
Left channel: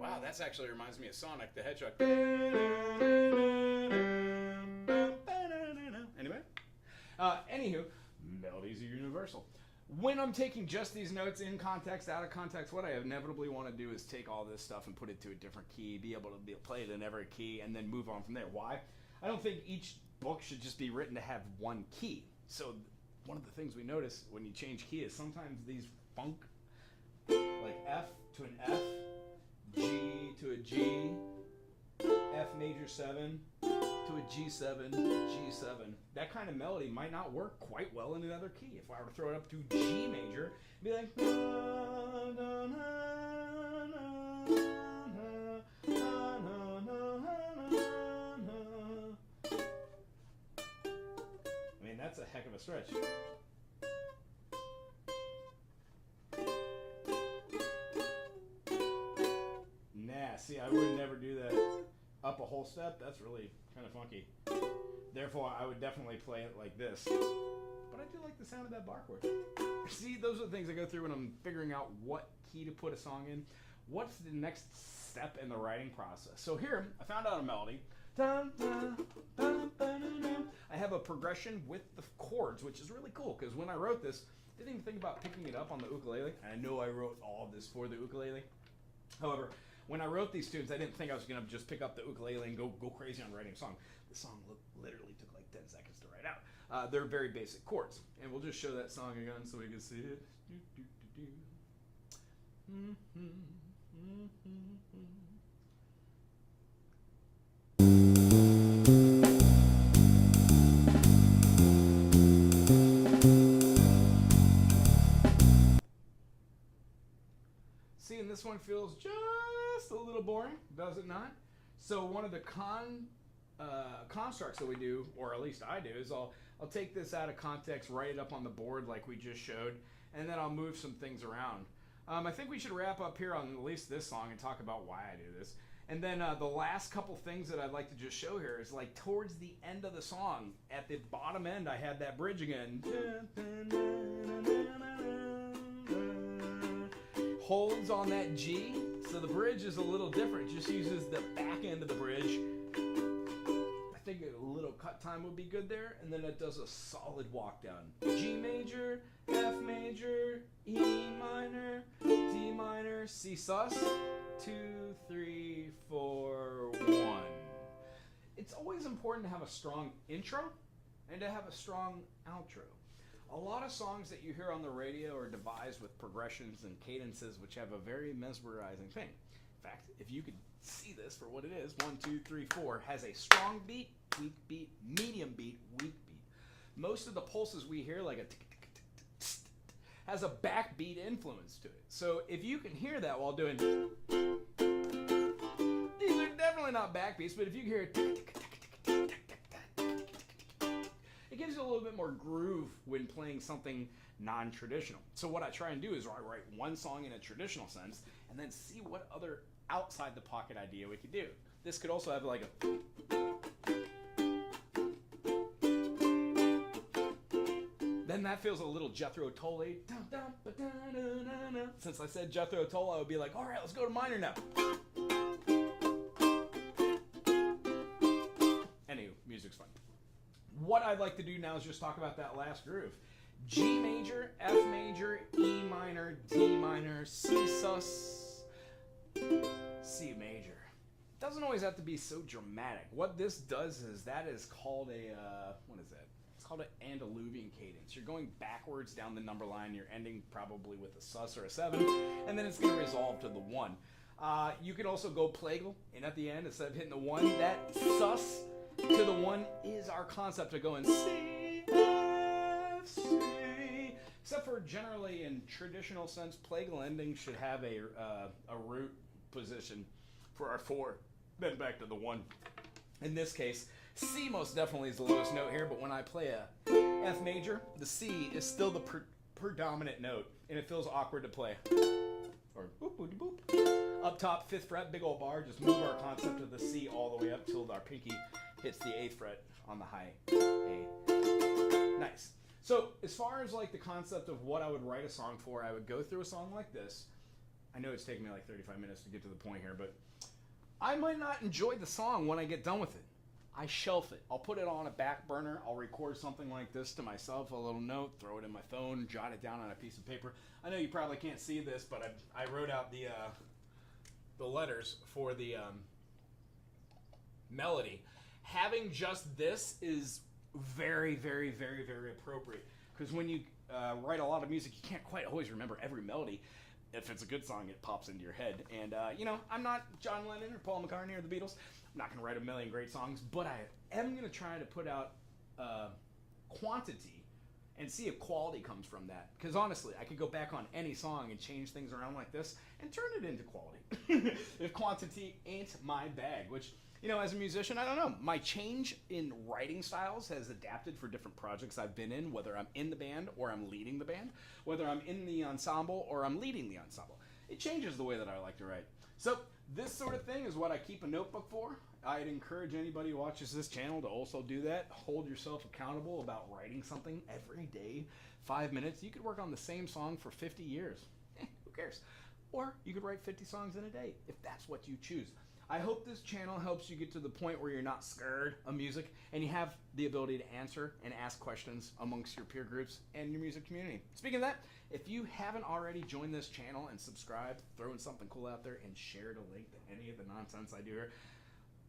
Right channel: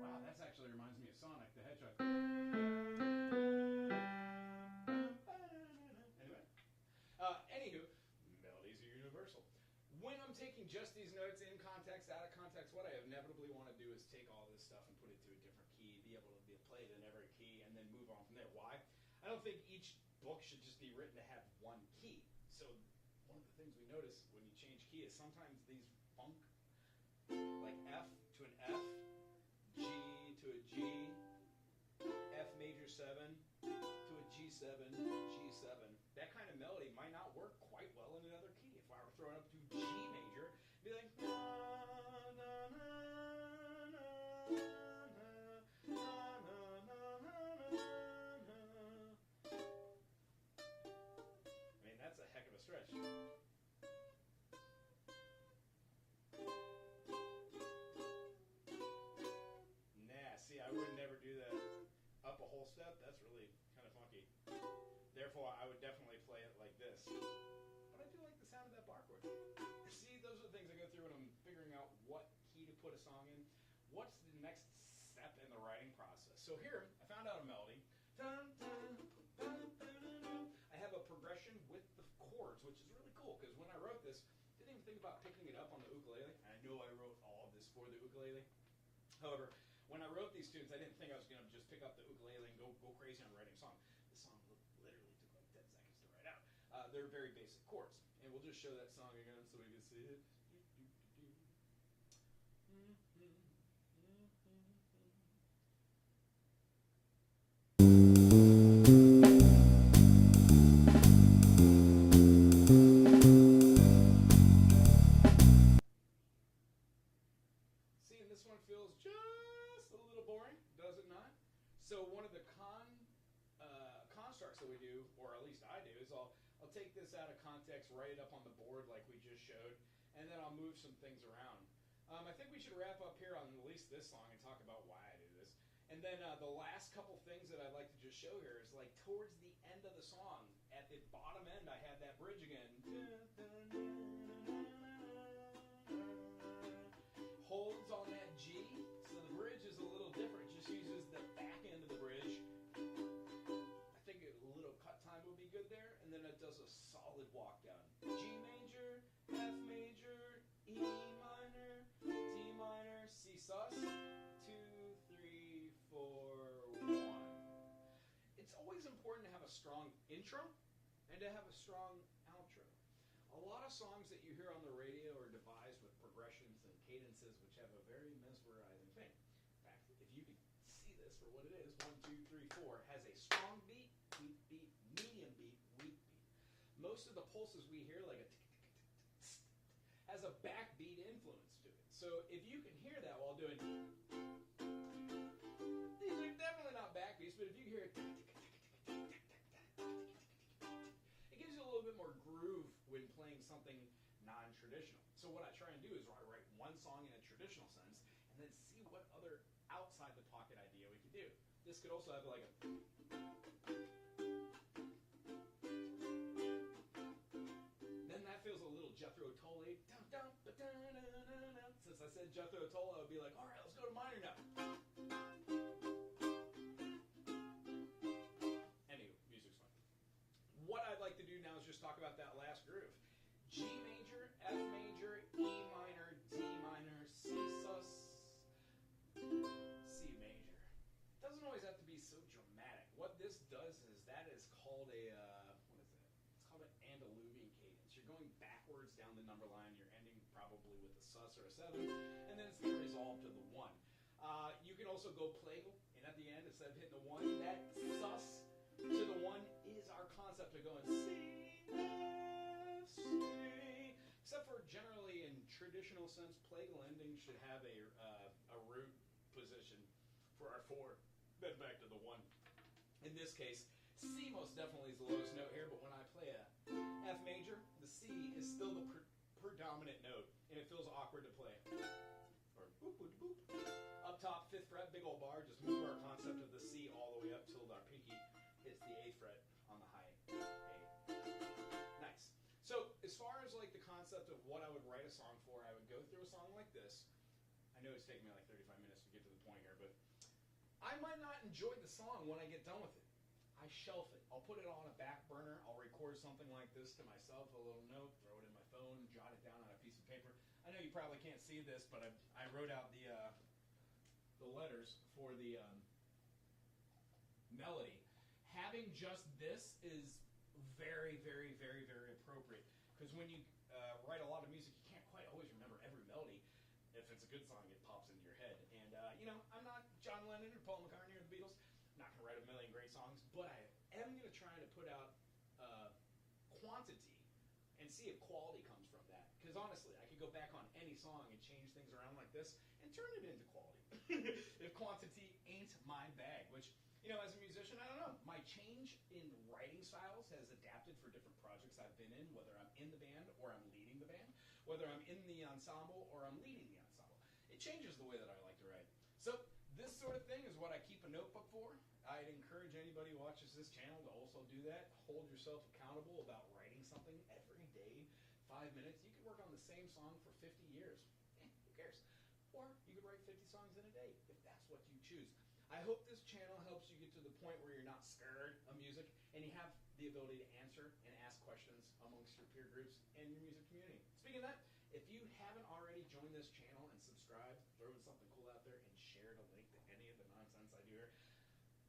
Wow, that actually reminds me of Sonic the Hedgehog. Anyway. Anywho, melodies are universal. When I'm taking just these notes in context, out of context, what I inevitably want to do is take all this stuff and put it to a different key, be able to play it in every key, and then move on from there. Why? I don't think each book should just be written to have one key. So one of the things we notice when you change key is sometimes these funk, like F to an F, G to a G, F major 7 to a G7, G7. That kind of melody might not work quite well in another key. If I were to throw it up to G major, it'd be like, I mean, that's a heck of a stretch. Nah, see, I would never do that. Up a whole step, that's really kind of funky. Therefore, I would definitely play it like this. But I do like the sound of that bar chord. See, those are the things I go through when I'm figuring out what key to put a song in. What's the next step in the writing process? So here, I found out a melody. I have a progression with the chords, which is really cool, because when I wrote this, I didn't even think about picking it up on the ukulele. And I know I wrote all of this for the ukulele. However, when I wrote these tunes, I didn't think I was going to just pick up the ukulele and go crazy on writing a song. The song literally took like 10 seconds to write out. They're very basic chords. And we'll just show that song again so we can see it. See, and this one feels just a little boring, does it not? So one of the constructs that we do, or at least I do, is I'll take this out of context, write it up on the board like we just showed, and then I'll move some things around. I think we should wrap up here on at least this song and talk about why I do this. And then the last couple things that I'd like to just show here is like towards the end of the song, at the bottom end, I had that bridge again. Holds on that G, so the bridge is a little different. It just uses the back end of the bridge. I think a little cut time would be good there, and then it does a solid walk down. G major, F major, E minor, D minor, C sus, 2, 3, 4, 1. It's always important to have a strong intro and to have a strong outro. A lot of songs that you hear on the radio are devised with progressions and cadences which have a very mesmerizing thing. In fact, if you could see this for what it is, 1, 2, 3, 4, has a strong beat, weak beat, medium beat, weak beat. Most of the pulses we hear, like a tick, tick, tick, tick, tick, has a backbeat influence to it. So if you can hear that while doing, these are definitely not backbeats, but if you hear tick, tick, tick, tick, tick, tick, it gives you a little bit more groove when playing something non-traditional. So what I try and do is I write one song in a traditional sense and then see what other outside the pocket idea we could do. This could also have like a, then that feels a little Jethro Tull. Since I said Jethro Tull, I would be like, all right, let's go to minor now. Anywho, music's fun. What I'd like to do now is just talk about that last groove. G major, F major, E minor, D minor, C sus, C major. Doesn't always have to be so dramatic. What this does is that is called a, what is that? It's called an Andaluvian cadence. You're going backwards down the number line. You're ending probably with a sus or a 7, and then it's going to resolve to the 1. You can also go plagal, and at the end, instead of hitting the 1, that sus to the 1 is our concept of going C, F, C. Except for generally in traditional sense, plagal endings should have a root position for our 4, then back to the 1. In this case, C most definitely is the lowest note here, but when I play a F major, the C is still the predominant note, and it feels awkward to play. Or boop, boop, boop. Up top, 5th fret, big old bar, just move our concept of the C all the way up till our pinky hits the 8th fret on the high A. Nice. So as far as like the concept of what I would write a song for, I would go through a song like this. I know it's taking me like 35 minutes to get to the point here, but I might not enjoy the song when I get done with it. I shelf it. I'll put it on a back burner. I'll record something like this to myself, a little note, throw it in my phone, jot it down on a piece of paper. I know you probably can't see this, but I wrote out the letters for the melody. Having just this is very, very, very, very appropriate, because when you write a lot of music, you can't quite always remember every melody. If it's a good song, it pops into your head. And, I'm not John Lennon or Paul McCartney or the Beatles. I'm not going to write a million great songs, but I am going to try to put out quantity and see if quality comes from that. Because honestly, I could go back on any song and change things around like this and turn it into quality. If quantity ain't my bag, which, as a musician, I don't know. My change in writing styles has adapted for different projects I've been in, whether I'm in the band or I'm leading the band, whether I'm in the ensemble or I'm leading the ensemble. It changes the way that I like to write. So this sort of thing is what I keep a notebook for. I'd encourage anybody who watches this channel to also do that. Hold yourself accountable about writing something every day, 5 minutes. You could work on the same song for 50 years. Who cares? Or you could write 50 songs in a day if that's what you choose. I hope this channel helps you get to the point where you're not scared of music and you have the ability to answer and ask questions amongst your peer groups and your music community. Speaking of that, if you haven't already joined this channel and subscribed, throwing something cool out there and shared a link to any of the nonsense I do here,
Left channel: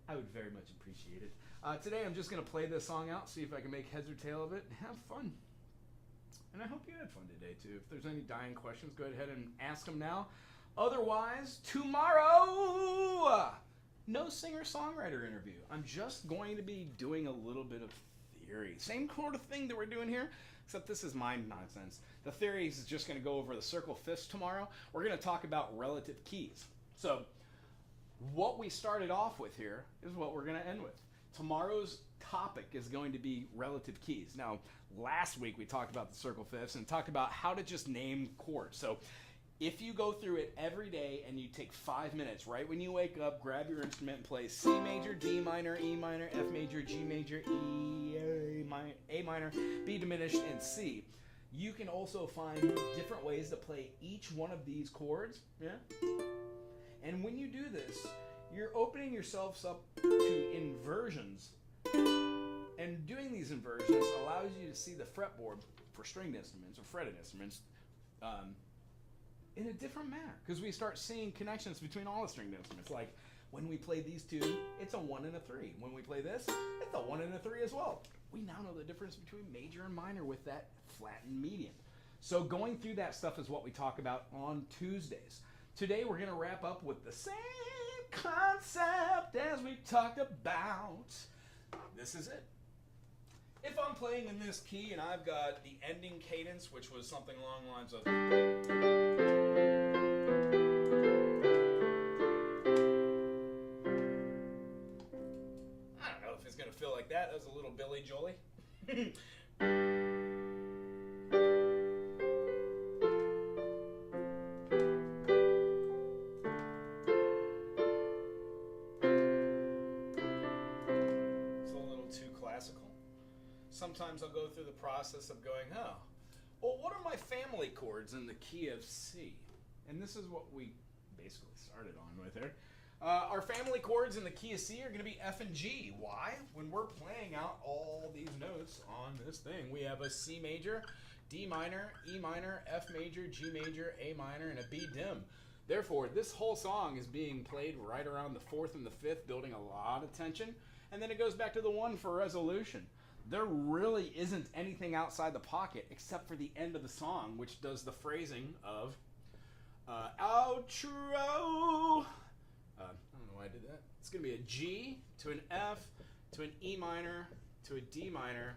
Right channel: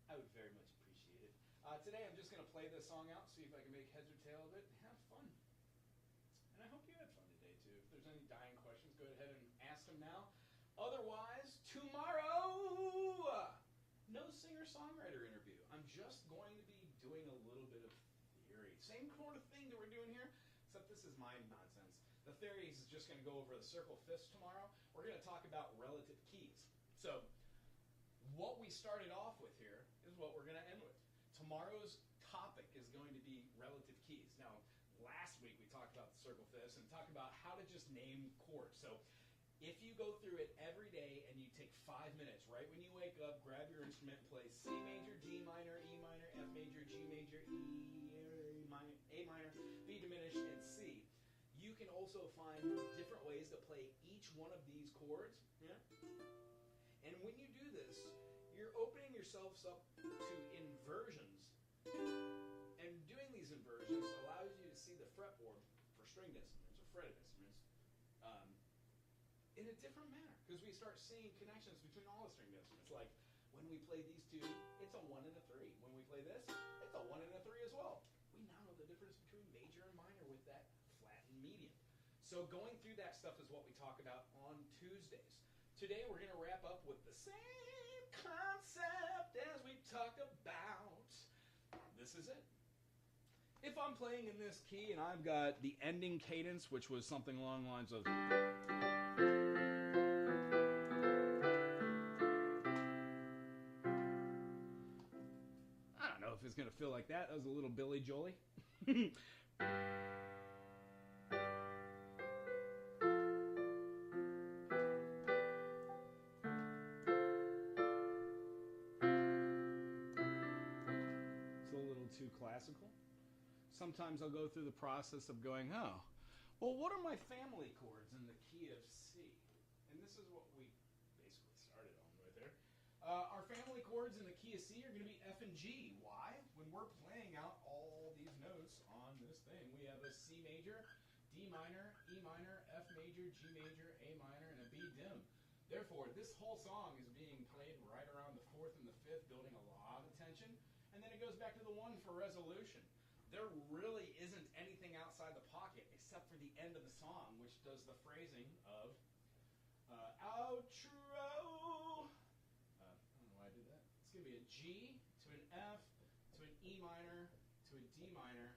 I would very much appreciate it. Today I'm just going to play this song out, see if I can make heads or tail of it, and have fun. And I hope you had fun today too. If there's any dying questions, go ahead and ask them now. Otherwise, tomorrow, no singer-songwriter interview. I'm just going to be doing a little bit of theory. Same sort of thing that we're doing here, except this is my nonsense. The theory is just going to go over the circle fifths tomorrow. We're going to talk about relative keys. So what we started off with here is what we're going to end with. Tomorrow's topic is going to be relative keys. Now, last week we talked about the circle fifths and talked about how to just name chords. So if you go through it every day and you take 5 minutes, right when you wake up, grab your instrument and play C major, D minor, E minor, F major, G major, E, A minor, B diminished, and C. You can also find different ways to play each one of these chords, yeah? And when you do this, you're opening yourselves up to inversions. And doing these inversions allows you to see the fretboard for stringed instruments or fretted instruments in a different manner, because we start seeing connections between all the stringed instruments. Like when we play these two, it's a 1 and a 3. When we play this, it's a 1 and a 3 as well. We now know the difference between major and minor with that flattened median. So going through that stuff is what we talk about on Tuesdays. Today we're going to wrap up with the same concept as we talked about. This is it. If I'm playing in this key and I've got the ending cadence, which was something along the lines of, I don't know if it's going to feel like that. That was a little Billy Joely. Sometimes I'll go through the process of going, well, what are my family chords in the key of C? And this is what we basically started on with here. Our family chords in the key of C are going to be F and G. Why? When we're playing out all these notes on this thing, we have a C major, D minor, E minor, F major, G major, A minor, and a B dim. Therefore, this whole song is being played right around the 4th and the 5th, building a lot of tension. And then it goes back to the 1 for resolution. There really isn't anything outside the pocket except for the end of the song, which does the phrasing of outro. I don't know why I did that. It's going to be a G to an F to an E minor to a D minor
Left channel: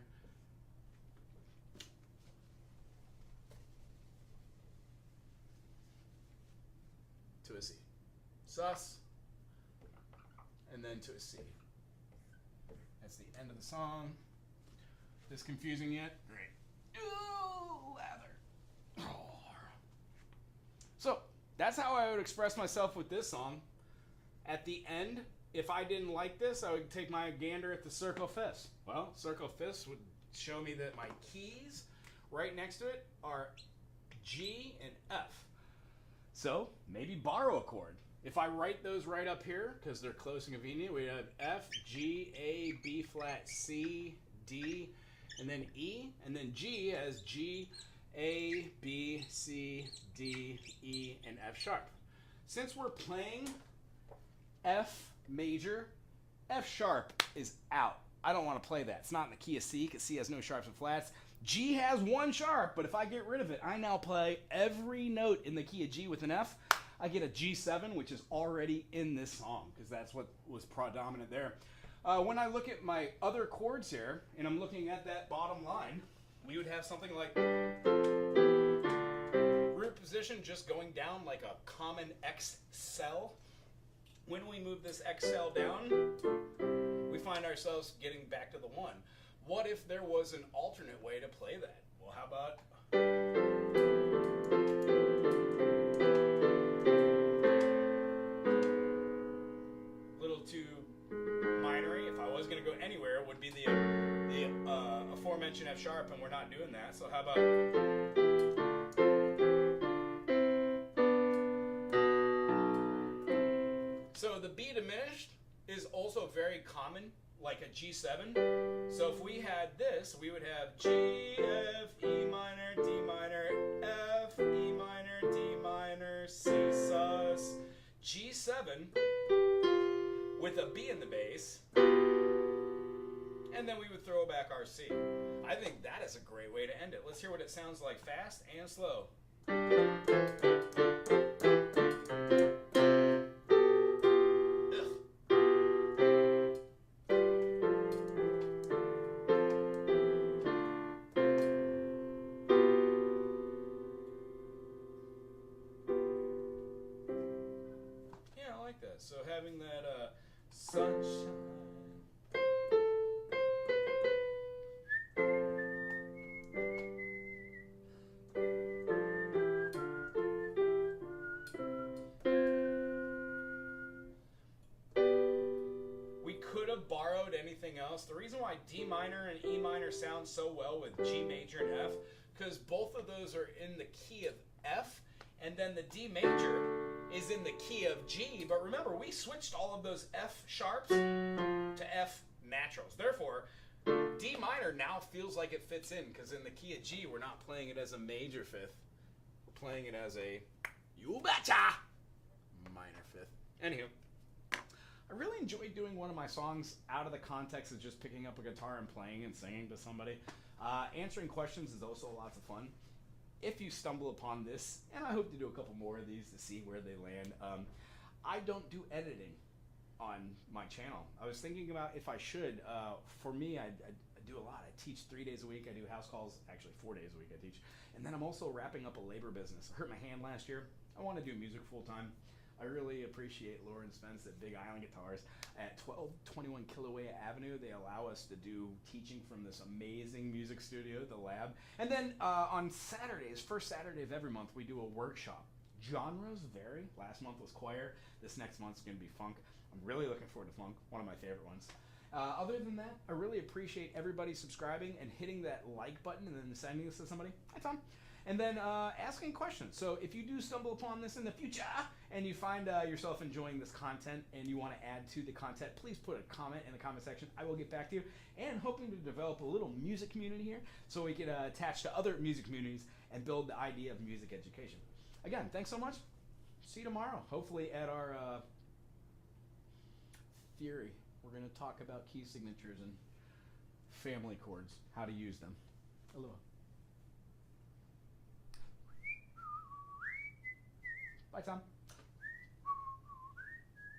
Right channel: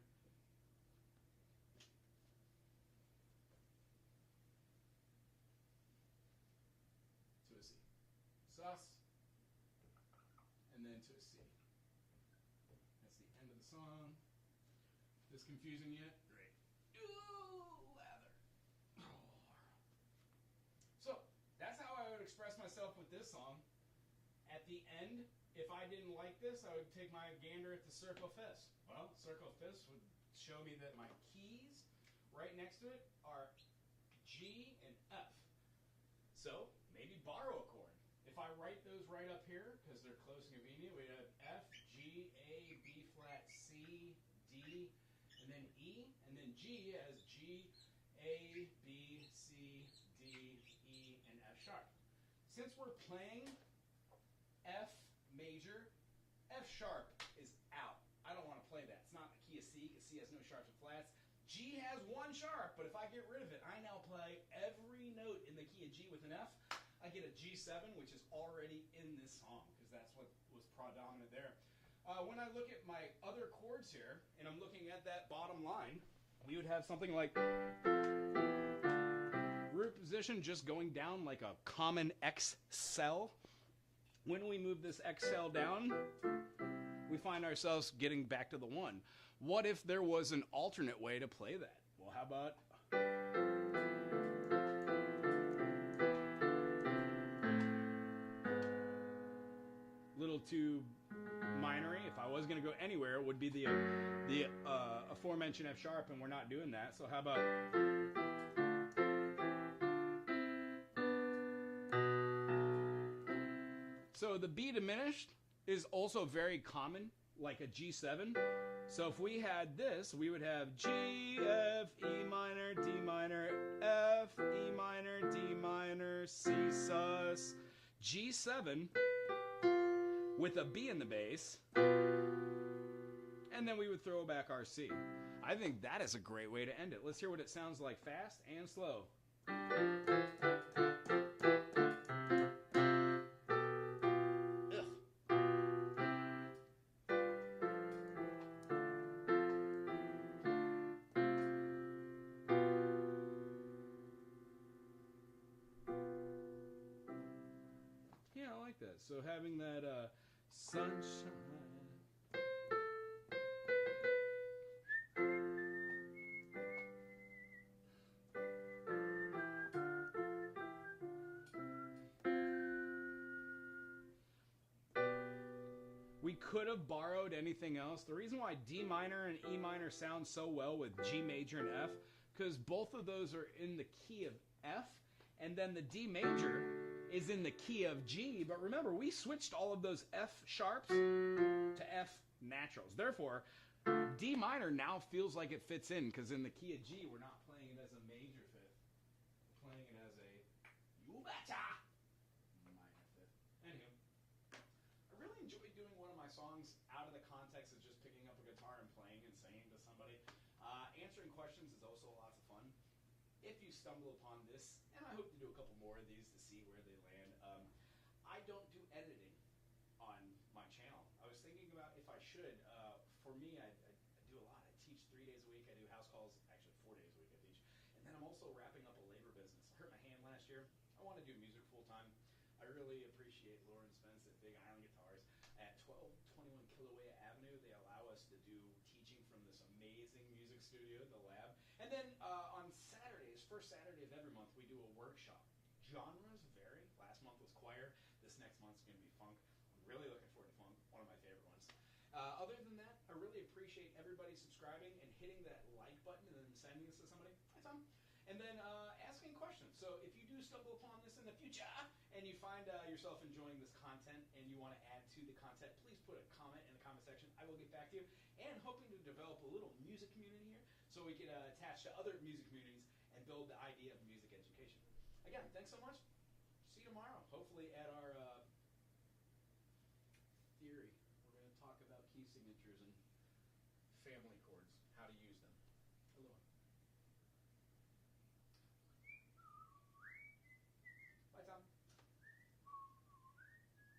to a C. Sus. And then to a C. That's the end of the song. This confusing yet? Right. Ooh, lather. Oh. So that's how I would express myself with this song. At the end, if I didn't like this, I would take my gander at the circle fifths. Well, circle fifths would show me that my keys right next to it are G and F. So maybe borrow a chord. If I write those right up here, because they're close and convenient, we have F, G, A, B flat, C, D, and then E, and then G has G, A, B, C, D, E, and F sharp. Since we're playing F major, F sharp is out. I don't want to play that. It's not in the key of C, because C has no sharps and flats. G has one sharp, but if I get rid of it, I now play every note in the key of G with an F. I get a G7, which is already in this song, because that's what was predominant there. When I look at my other chords here, and I'm looking at that bottom line, we would have something like root position just going down like a common X cell. When we move this X cell down, we find ourselves getting back to the 1. What if there was an alternate way to play that? Well, how about... little too minory. If I was going to go anywhere, it would be the aforementioned F sharp, and we're not doing that. So how about... So the B diminished is also very common, like a G7. So if we had this, we would have G, F, E minor, D minor, F, E minor, D minor, C sus, G7 with a B in the bass, and then we would throw back our C. I think that is a great way to end it. Let's hear what it sounds like fast and slow. So having that sunshine. We could have borrowed anything else. The reason why D minor and E minor sound so well with G major and F, because both of those are in the key of F, and then the D major is in the key of G, but remember, we switched all of those F sharps to F naturals. Therefore, D minor now feels like it fits in, because in the key of G, we're not playing it as a major fifth. We're playing it as a, you betcha, minor fifth. Anywho, I really enjoyed doing one of my songs out of the context of just picking up a guitar and playing and singing to somebody. Answering questions is also lots of fun. If you stumble upon this, and I hope to do a couple more of these to see where they land, I don't do editing on my channel. I was thinking about if I should. For me, I do a lot. I teach 3 days a week. I do house calls, actually 4 days a week I teach. And then I'm also wrapping up a labor business. I hurt my hand last year. I want to do music full time. I really appreciate Lauren Spence at Big Island Guitars at 1221 Kilauea Avenue. They allow us to do teaching from this amazing music studio, the lab. And then on Saturdays, first Saturday of every month, we do a workshop. Genres vary. Last month was choir. This next month's going to be funk. I'm really looking forward to funk, one of my favorite ones. Other than that, I really appreciate everybody subscribing and hitting that like button and then sending this to somebody. Hi, Tom. And then asking questions. So if you do stumble upon this in the future and you find yourself enjoying this content and you want to add to the content, please put a comment in the comment section. I will get back to you. And hoping to develop a little music community here so we can attach to other music communities and build the idea of music education. Again, thanks so much. See you tomorrow. Hopefully at our theory, we're going to talk about key signatures and family chords, how to use them. Aloha. Bye, Tom.